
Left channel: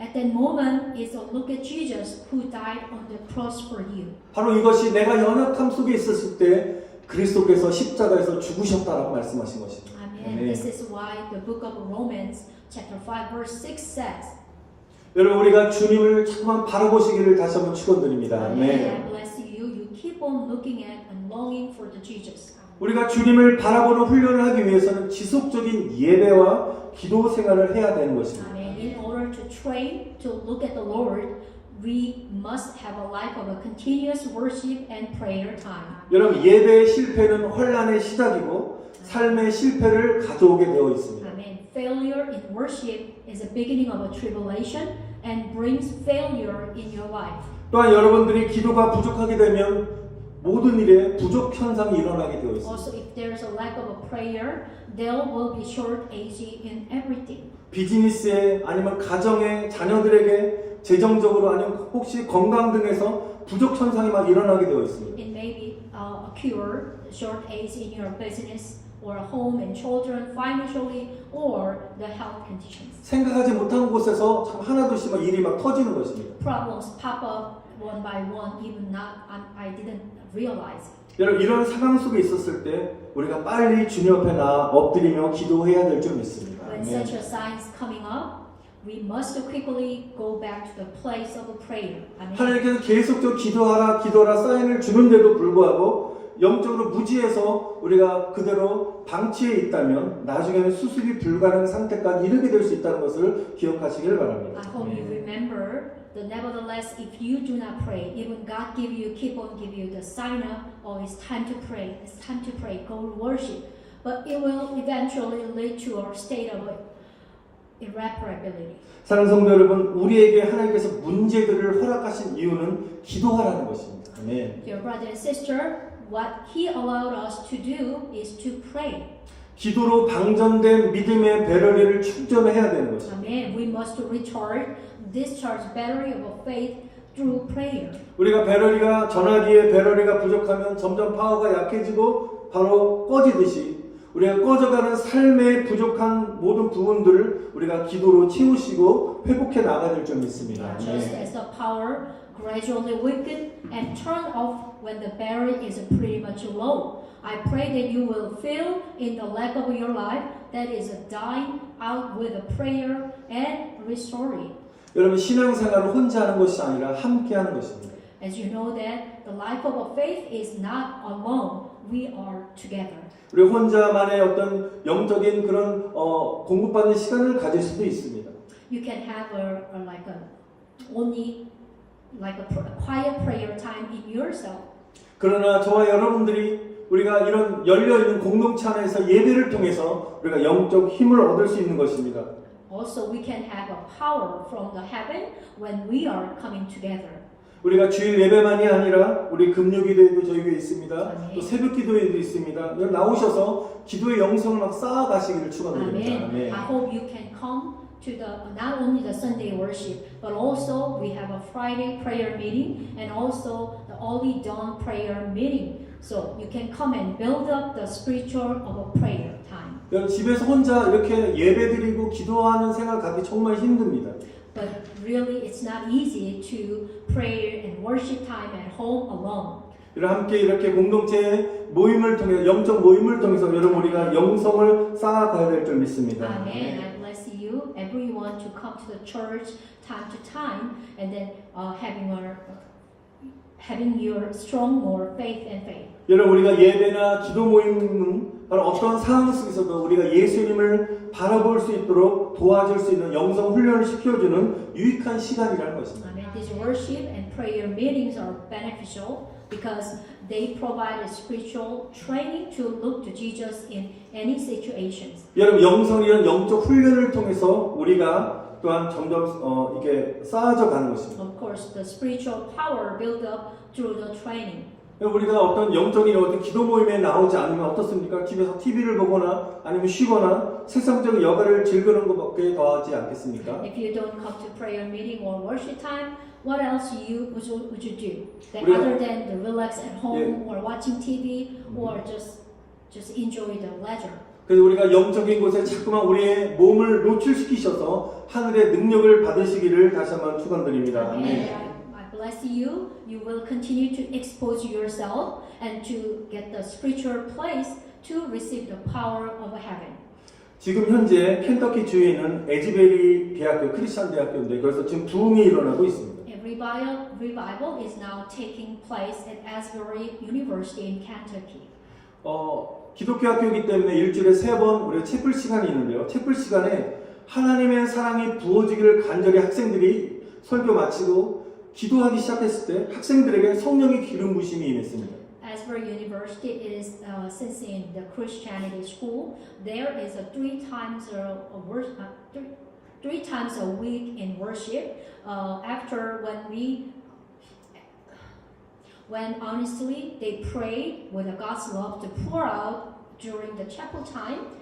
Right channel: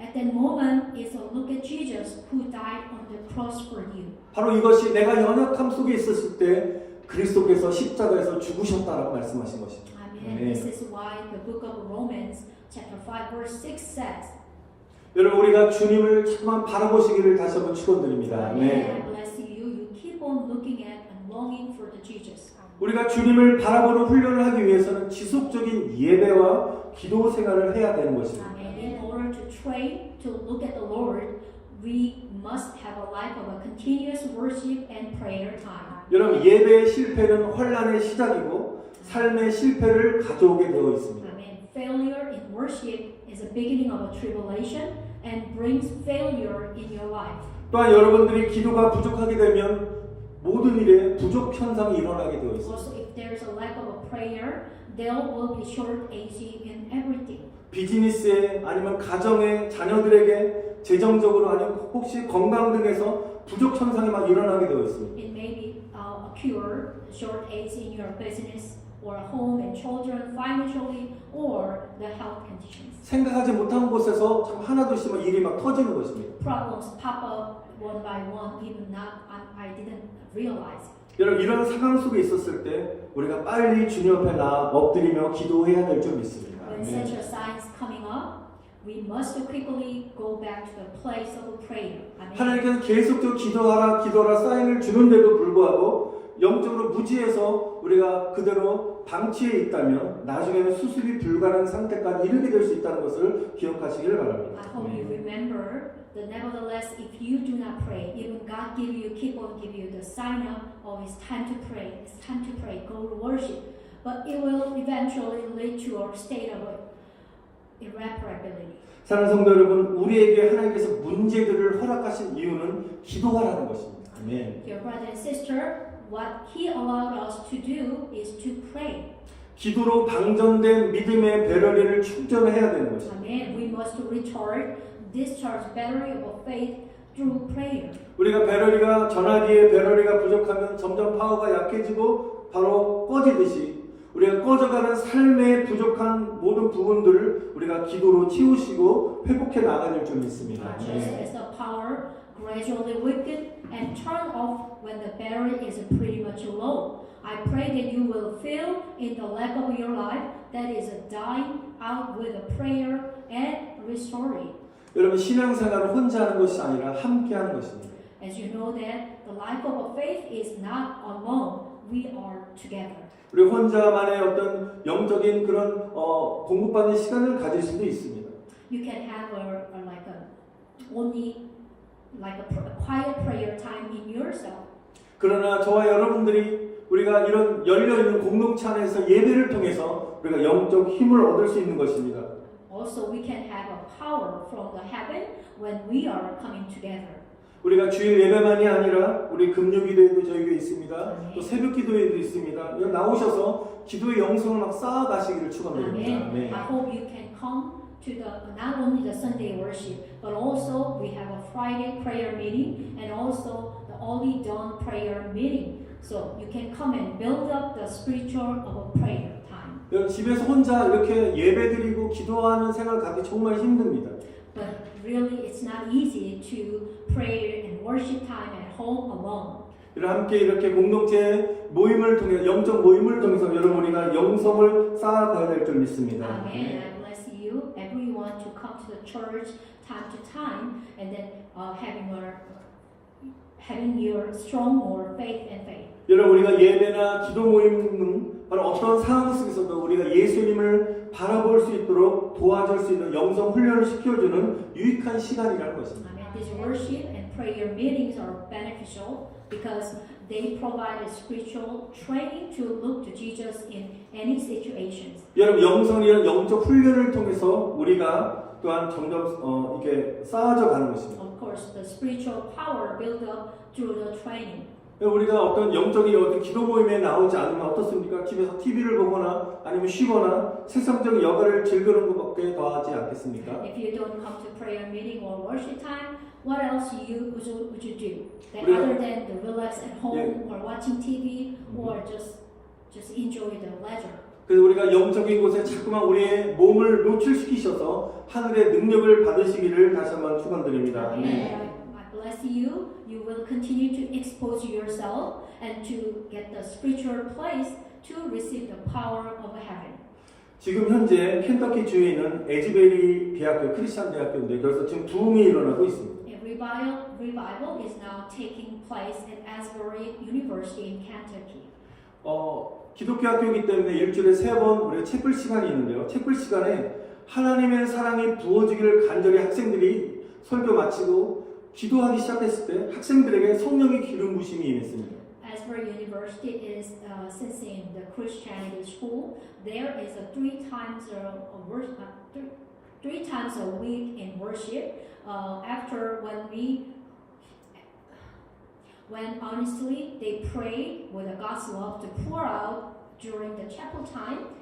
at that moment is a look at Jesus who died on the cross for you. 바로 이것이 내가 연약함 속에 있었을 때 그리스도께서 십자가에서 죽으셨다라고 말씀하신 것입니다. Amen. This is why the book of Romans chapter 5 verse 6 says, 여러분, 우리가 주님을 자꾸만 바라보시기를 다시 한번 축원드립니다. Amen. I 아멘. bless you. You keep on looking at and longing for the Jesus. 우리가 주님을 바라보는 훈련을 하기 위해서는 지속적인 예배와 기도 생활을 해야 되는 것입니다. Amen. In order to train to look at the Lord, we must have a life of a continuous worship and prayer time. 여러분, 예배의 실패는 환란의 시작이고 삶의 실패를 가져오게 되어 있습니다. Amen. Failure in worship is the beginning of a tribulation and brings failure in your life. 또한 여러분들이 기도가 부족하게 되면 모든 일에 부족 현상이 일어나게 되어 있습니다. Also, if there is a lack of a prayer, there will be shortage in everything. 비즈니스에 아니면 가정에 자녀들에게 재정적으로 아니면 혹시 건강 등에서 부족 현상이 막 일어나게 되어 있습니다. It may be occur shortage in your business or home and children financially or the health conditions. 생각하지 못한 곳에서 참 하나둘씩 막 일이 막 터지는 것입니다. Problems pop up one by one, even not I didn't realize. 여러분, 이런 상황 속에 있었을 때 우리가 빨리 주님 앞에 나아 엎드리며 기도해야 될 줄 믿습니다. When such a sign is coming up, we must quickly go back to the place of prayer. 아멘. 하나님께서 계속적으로 기도하라 사인을 주는데도 불구하고 영적으로 무지해서 우리가 그대로 방치해 있다면 나중에는 수습이 불가능한 상태까지 이르게 될 수 있다는 것을 기억하시길 바랍니다. I hope you remember that nevertheless, if you do not pray, even God keep on give you the sign up, oh, it's time to pray, go to worship. But it will eventually lead to a state of irreparability. 사랑하는 성도 여러분, 우리에게 하나님께서 문제들을 허락하신 이유는 기도하라는 것입니다. 아멘. Dear brother and sister, what He allowed us to do is to pray. 기도로 방전된 믿음의 배럴리를 충전해야 되는 것입니다. Amen. We must discharge battery of faith through prayer. 우리가 배럴리가 전화기에 배럴리가 부족하면 점점 파워가 약해지고 바로 꺼지듯이 우리가 꺼져가는 삶의 부족한 모든 부분들을 우리가 기도로 채우시고 회복해 나가야 될 줄 믿습니다. Just as the power gradually weaken and turn off when the battery is pretty much low. I pray that you will feel in the leg of your life that is dying out with a prayer and restoring. 여러분 신앙생활을 혼자 하는 것이 아니라 함께 하는 것입니다. As you know that the life of faith is not alone. We are together. 우리 혼자만의 어떤 영적인 그런 공급받는 시간을 가질 수도 있습니다. You can have only like a quiet prayer time in yourself. 그러나 저와 여러분들이 우리가 이런 열려있는 공동체 안에서 예배를 통해서 우리가 영적 힘을 얻을 수 있는 것입니다. Also, we can have a power from the heaven when we are coming together. 우리가 주일 예배만이 아니라 우리 금요기도에도 저희 교회 있습니다. 또 새벽기도에도 있습니다. 여기 나오셔서 기도의 영성을 막 쌓아가시기를 축원드립니다. Amen. I hope you can come to not only the Sunday worship, but also we have a Friday prayer meeting and also the early dawn prayer meeting. So you can come and build up the spiritual of a prayer time. 여러분 집에서 혼자 이렇게 예배드리고 기도하는 생활 갖기 정말 힘듭니다. But really, it's not easy to pray and worship time at home alone. 함께 이렇게 공동체 모임을 통해서 영적 모임을 통해서 여러분 우리가 영성을 쌓아가야 될 줄 믿습니다. Amen. I bless you, everyone, to come to the church time to time, and then having your strong more faith and faith. 여러분 우리가 예배나 기도 모임은 바로 어떤 상황 속에서도 우리가 예수님을 바라볼 수 있도록 도와줄 수 있는 영성 훈련을 시켜주는 유익한 시간이라는 것입니다. Amen. These worship and prayer meetings are beneficial because they provide a spiritual training to look to Jesus in any situations. 여러분 영성이란 영적 훈련을 통해서 우리가 또한 점점 이게 쌓아져 가는 것입니다. Of course, the spiritual power built up through the training. 우리가 어떤 영적인 어떤 기도 모임에 나오지 않으면 어떻습니까? 집에서 TV를 보거나 아니면 쉬거나 세상적인 여가를 즐기는 것밖에 더 하지 않겠습니까? If you don't come to prayer meeting or worship time, what else would you do? Other than to relax at home or watching TV or just enjoy the leisure. 그래서 우리가 영적인 곳에 자꾸만 우리의 몸을 노출시키셔서 하늘의 능력을 받으시기를 다시 한번 축원드립니다. 아멘. I bless you. You will continue to expose yourself and to get the spiritual place to receive the power of heaven. 지금 현재 켄터키 주에 있는 에즈베리 대학교 크리스천 대학교인데 그래서 지금 부흥이 일어나고 있습니다. A revival is now taking place at Asbury University in Kentucky. 기독교 학교이기 때문에 일주일에 3번 우리가 채플 시간이 있는데요. 채플 시간에 하나님의 사랑이 부어지기를 간절히 학생들이 설교 마치고 기도하기 시작했을 때 학생들에게 성령의 기름 부심이 임했습니다. Asbury University is since in the Christianity school, there is a three times a week in worship. After when honestly they pray with God's love to pour out during the chapel time,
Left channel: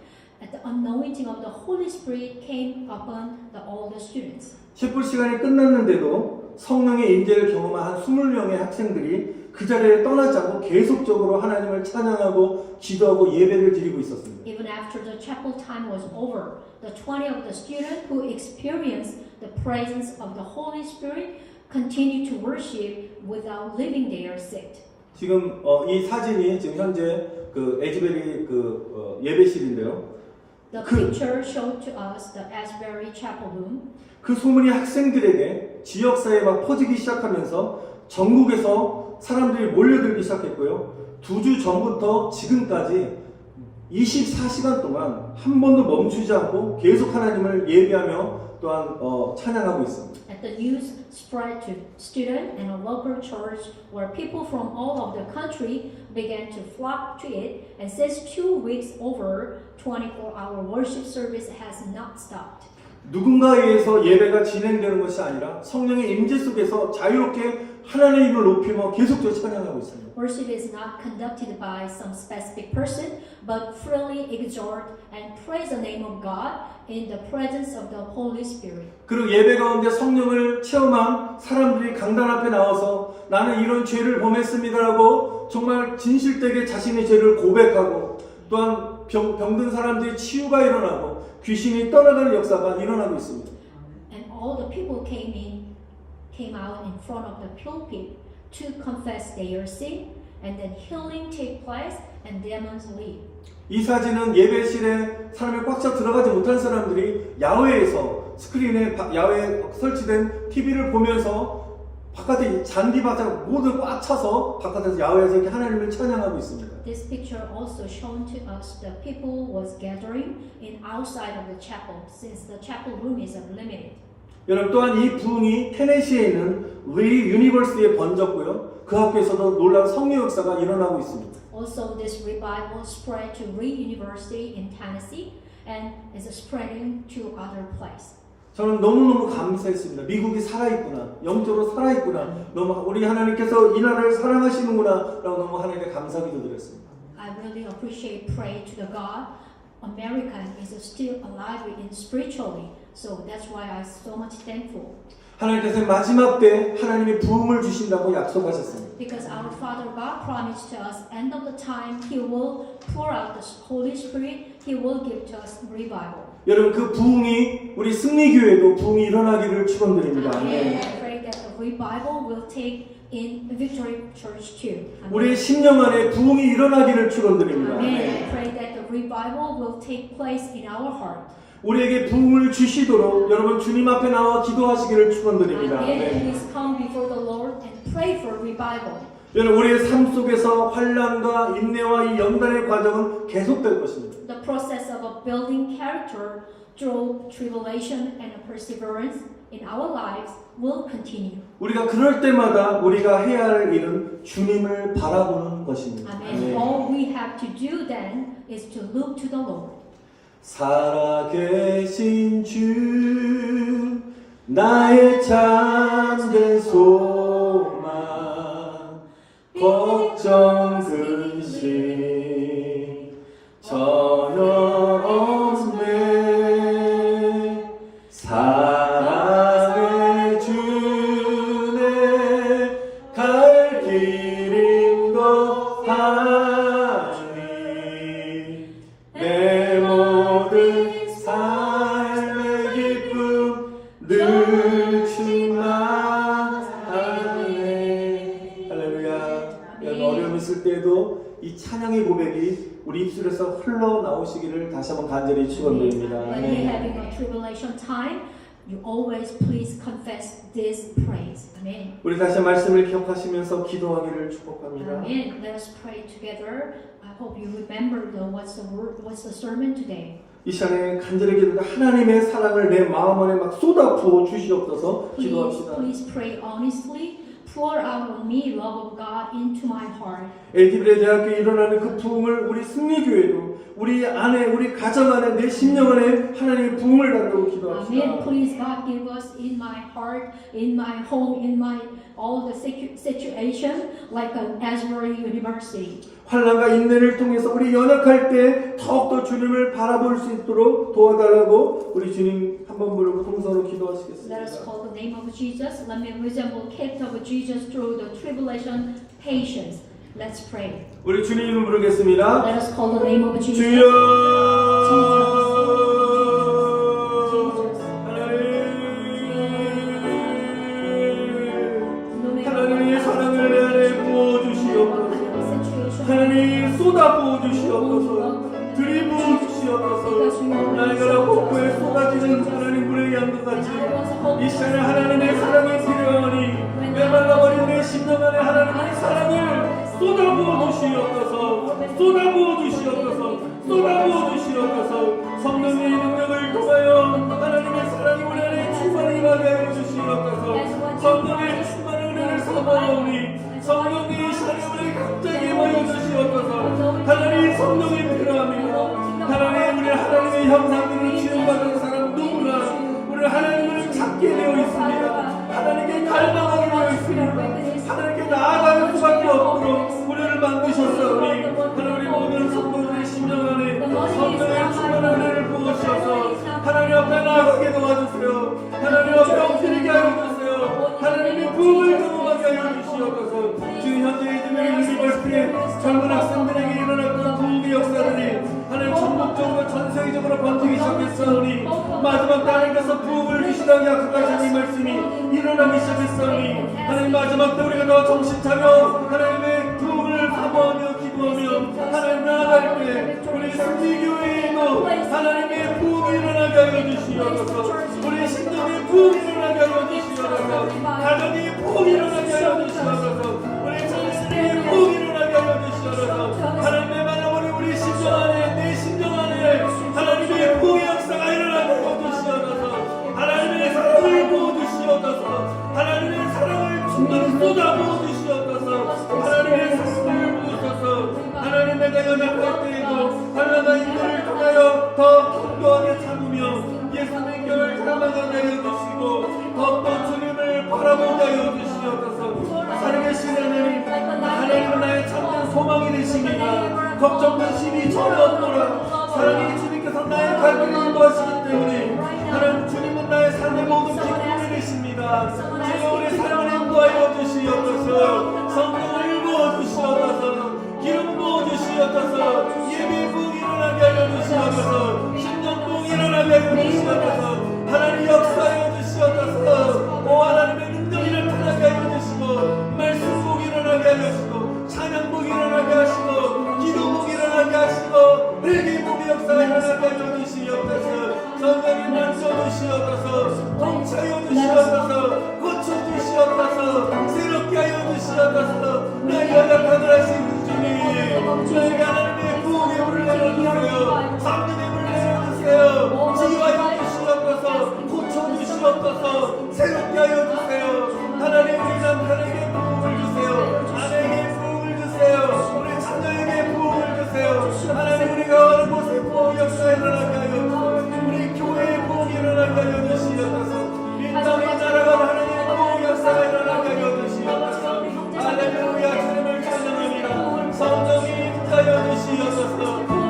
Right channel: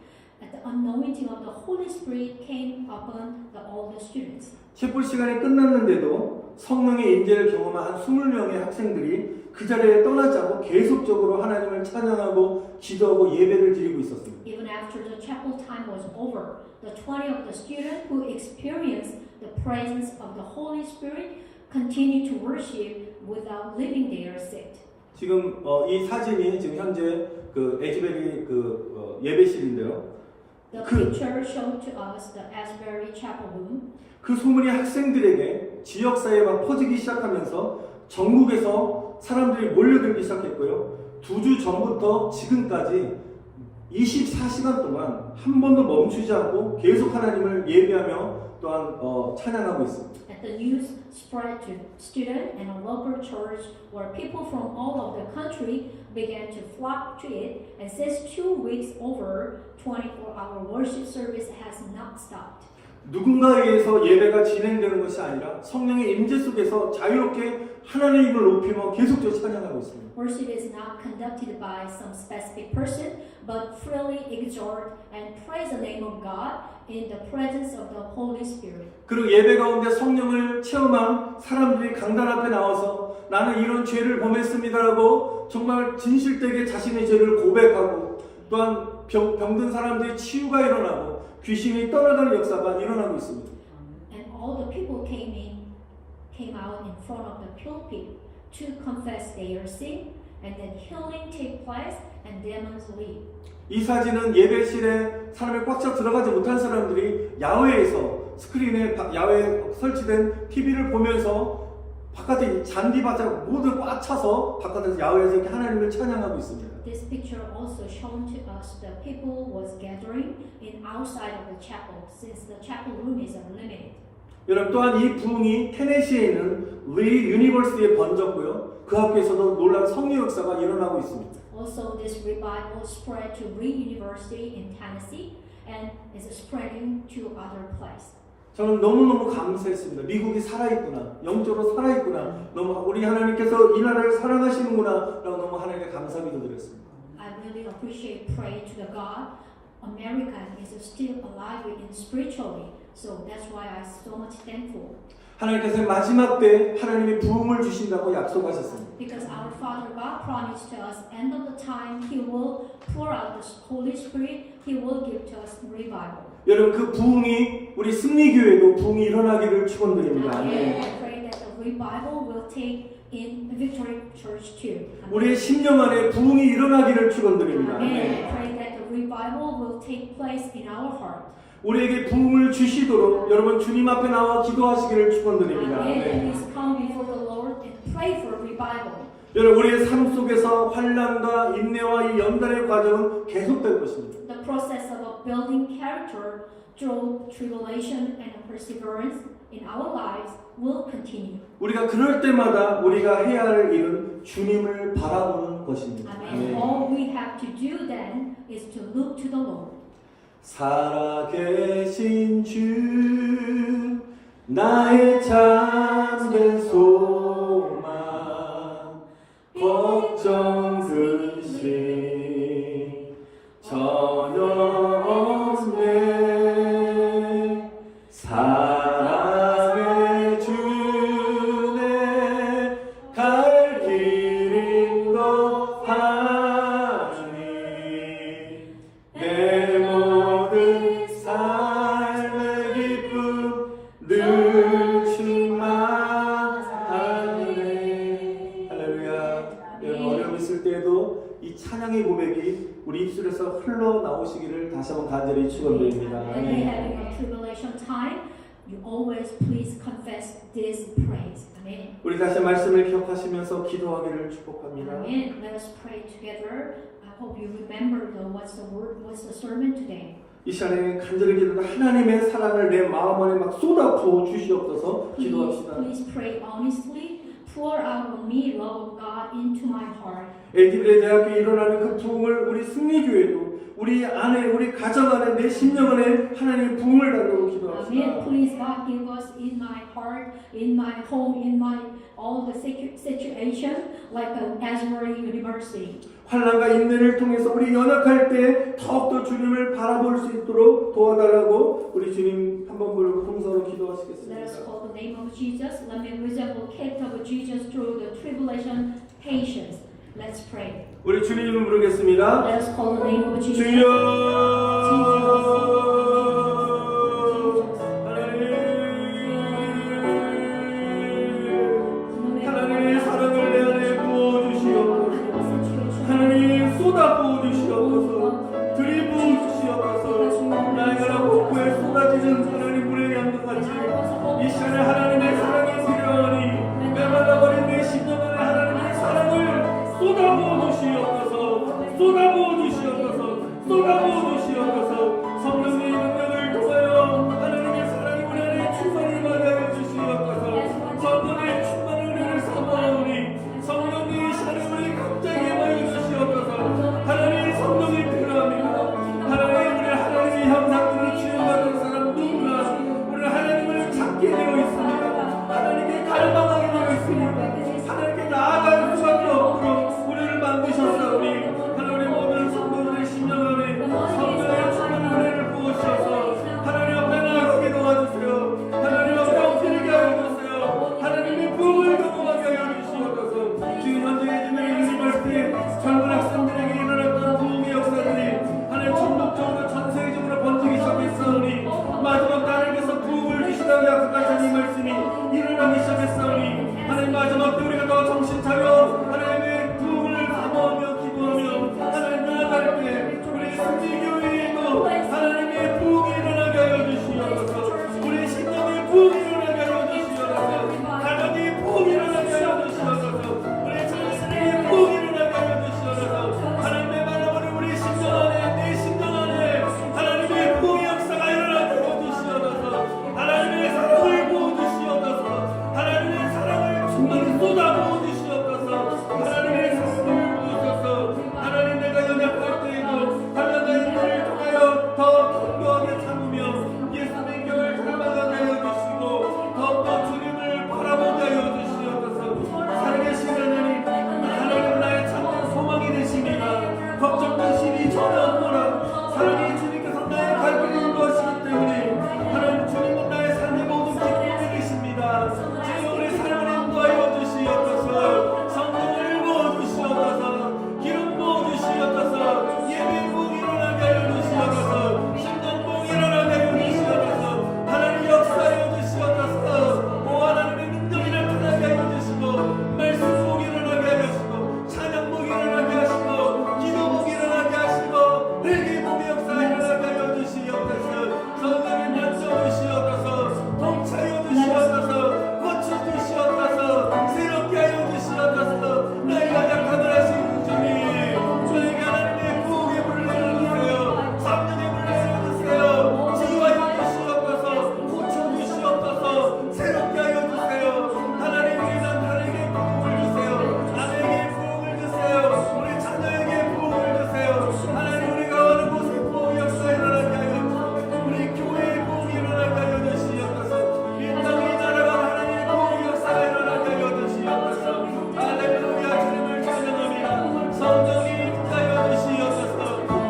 the anointing of the Holy Spirit came upon all the students. 채플 시간이 끝났는데도 성령의 임재를 경험한 한 20명의 학생들이 그 자리에 떠나지 않고 계속적으로 하나님을 찬양하고 기도하고 예배를 드리고 있었습니다. Even after the chapel time was over, the 20 of the students who experienced the presence of the Holy Spirit continued to worship without leaving their seat. 지금 이 사진이 지금 현재 그 에즈베리 예배실인데요. The 그- picture showed to us the Asbury Chapel room. 그 소문이 학생들에게 지역사회에 막 퍼지기 시작하면서 전국에서 사람들이 몰려들기 시작했고요. 2주 전부터 지금까지 24시간 동안 한 번도 멈추지 않고 계속 하나님을 예배하며 또한 찬양하고 있습니다. And the news spread to student and a local church where people from all over the country began to flock to it. And since 2 weeks over, 24-hour worship service has not stopped. 누군가에 의해서 예배가 진행되는 것이 아니라 성령의 임재 속에서 자유롭게 하나님의 이름을 높이며 계속적으로 찬양하고 있습니다. Worship is not conducted by some specific person, but freely exhort and praise the name of God in the presence of the Holy Spirit. 그리고 예배 가운데 성령을 체험한 사람들이 강단 앞에 나와서 나는 이런 죄를 범했습니다라고 정말 진실되게 자신의 죄를 고백하고 또한 병든 사람들의 치유가 일어나고 귀신이 떠나가는 역사가 일어나고 있습니다. And all the people came out in front of the pulpit to confess their sin, and then healing take place and demons leave. 이 사진은 예배실에 사람이 꽉 차 들어가지 못한 사람들이 야외에서 스크린에 야외에 설치된 TV를 보면서 바깥에 잔디바짝 모두 꽉 차서 바깥에서 야외에서 이렇게 하나님을 찬양하고 있습니다. This picture also shown to us the people was gathering in outside of the chapel since the chapel room is unlimited. 여러분 또한 이 부흥이 테네시에 있는 리 유니버시티에 번졌고요. 그 학교에서도 놀라운 성령 역사가 일어나고 있습니다. Also, this revival spread to Reed University in Tennessee and is spreading to other places. 저는 너무너무 감사했습니다. 미국이 살아있구나. 영적으로 살아있구나. 너무 우리 하나님께서 이 나라를 사랑하시는구나. 라고 너무 하나님께 감사기도 드렸습니다. I really appreciate, pray to the God. America is still alive in spiritually. So that's why I'm so much thankful. 하나님께서 마지막 때 하나님이 부흥을 주신다고 약속하셨습니다. Because our Father God promised to us, end of the time, He will pour out the Holy Spirit. He will give to us revival. 여러분 그 부흥이 우리 승리교회도 부흥이 일어나기를 축원드립니다. Amen. I pray that the revival will take in Victory Church too. 우리의 10년 안에 부흥이 일어나기를 축원드립니다. Amen. I pray that the revival will take place in our heart. 우리에게 부흥을 주시도록 여러분 주님 앞에 나와 기도하시기를 축원드립니다. Amen. Please come before the Lord and pray for revival. 여러분 우리의 삶 속에서 환난과 인내와 이 연단의 과정은 계속될 것입니다. The process of building character through tribulation and perseverance in our lives will continue. 우리가 그럴 때마다 우리가 해야 할 일은 주님을 바라보는 것입니다. Amen. All we have to do then is to look to the Lord. 살아계신 주 나의 참된 소망 걱정 근심 전혀 없네 사랑의 주네 갈 길 인도하니 내 모든 삶의 기쁨 늘 충만하네. 할렐루야. 여러분 어려움 있을 때에도 이 찬양의 고백이 우리 입술에서 흘러나오시기를 다시 한번 간절히 축원드립니다. When you're having a tribulation time, you always please confess this praise. Amen. 우리 다시 말씀을 기억하시면서 기도하기를 축복합니다. Amen. Let us pray together. I hope you remember what's the word, what's the sermon today. 이 시간에 간절히 기도합니다. 하나님의 사랑을 내 마음 안에 막 쏟아부어 주시옵소서. 기도합시다. Please pray honestly. Pour out on me love of God into my heart. 엘티브레 대학교에 일어나는 그 부흥을 우리 승리교회도 우리 안에 우리 가정 안에 내 심령 안에 하나님의 부흥을 달라고 Amen. 기도합시다. Please God give us in my heart, in my home, in my all the situation like an Asbury University. 환난과 인내를 통해서 우리 연약할 때 더욱더 주님을 바라볼 수 있도록 도와달라고 우리 주님 한번 부르고 통성으로 Let us 기도하시겠습니다. call the name of Jesus. Let me resemble gift of Jesus through the tribulation patience. Let's pray. 우리 주님 이름 부르겠습니다. Let us call the name of Jesus. 주여 하나님의 사랑을 내 안에 부어주시옵소서. 하나님 쏟아 부어주시옵소서. 들이부어 주시옵소서. 쏟아부어 주시옵소서. 쏟아부어 주시옵소서. 쏟아부어 주시옵소서. 성령의 능력을 통하여 하나님의 사랑이 우리 안에 충만히 임하게 하여 주시옵소서. 성령의 충만한 은혜를 사모하오니 성령이 이 시간에 우리 갑자기 임하여 주시옵소서. 하나님 성령이 필요합니다. 하나님 우리 하나님의 형상으로 지음받은 사람 누구나 우리 하나님을 찾게 되어 있습니다. 하나님께 갈망하게 되어 있습니다. 하나님께 나아갈 수밖에 없도록 우리를 만드셨사오니 하나님 우리 모든 성도들의 심령 안에 성령의 충만한 은혜를 부으셔서 하나님 앞에 나아가게 도와주세요. 하나님 앞에 엎드리게 하여 주세요. 하나님의 부흥을 경험하게 하여 주시옵소서. 지금 현재 이즈메리 유니버시티 젊은 학생들에게 일어났던 부흥의 역사들이 하나님 전국적으로 전 세계적으로 번지기 시작했사오니 마지막 때 하나님께서 부흥을 주시다고 약속하신 이 말씀이 일어나기 시작했사오니 하나님 마지막 때 우리가 더 정신 차려 하나님의 부흥을 사모하며 기도하며 하나님 나아갈 때 우리 순지교회에도 하나님의 부흥이 일어나게 하여 주시옵소서. 우리 신령의 부흥이 일어나게 하여 주시옵소서. 가정이 부흥이 일어나게 하여 주시옵소서. 우리 자녀들에게 부흥이 일어나게 하여 주시옵소서. 하나님의 말하오니 우리 심정 안에 내 심정 안에 하나님의 부흥의 역사가 일어나게 하여 주시옵소서. 하나님의 사랑을 부어주시옵소서. 하나님의 사랑을 충만히 쏟아부어 주시옵소서. 하나님의 사랑을 부으소서. 하나님 내가 연약할 때에도 하나님의 인도를 통하여 더 견고하게 참으며 예수님의 교회를 닮아가게 하여 주시고 더욱더 주님을 바라보게 하여 주시옵소서. 살아계신 하나님 나의 참된 소망이 되시니라. 걱정 근심이 전혀 없노라. 사랑의 주님께서 나의 갈 길을 인도하시기 때문에 하나님 주님은 나의 삶의 모든 기쁨이 되십니다. 주여 우리 사랑을 인도하여 주시옵소서. 성령을 부어 주시옵소서. 기름 부어 주시옵소서. 예배 부흥 일어나게 하여 주시옵소서. 신령 부흥 일어나게 하여 주시옵소서. 하나님 역사하여 주시옵소서. 오 하나님의 능력을 나타나게 하여 주시고 말씀 부흥 일어나게 하여 주시고 찬양 부흥 일어나게 하시고 기도 부흥 일어나게 하시고 회개 부흥의 역사 일어나게 하여 주시옵소서. 성령이 만져 주시옵소서. 통치하여 주시옵소서. 고쳐 주시옵소서. 새롭게 하여 주시옵소서. 나의 연약함을 하시는 주님 저에게 하나님의 부흥의 물을 내려주세요. 성령의 물을 내려주세요. 치유하여 주시옵소서. 고쳐 주시옵소서. 새롭게 하여 주세요. 하나님 우리 남편에게 부흥을 주세요. 아내에게 부흥을 주세요. 우리 자녀에게 부흥을 주세요. 하나님 우리가 어느 곳에 부흥 역사 일어나게 하여 주시옵소서. 우리 교회에 부흥이 일어나게 하여 주시옵소서. 이 땅의 나라가 하나님의 부흥 역사가 일어나게 하여 주시옵소서. 할렐루야 주님을 찬양합니다. 성령이 임하여 주시옵소서.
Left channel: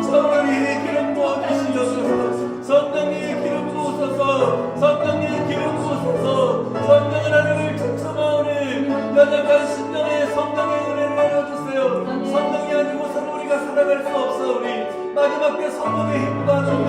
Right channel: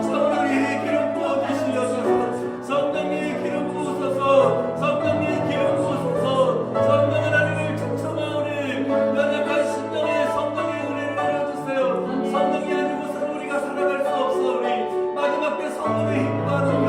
성령이 기름 부어 주시옵소서. 성령이 기름 부으소서. 성령이 기름 부으소서. 성령 하나님을 청청하오니 연약한 심령에 성령의 은혜를 내려주세요. 성령이 아니고서는 우리가 살아갈 수 없사오니 마지막 때 성령의 힘과 능력을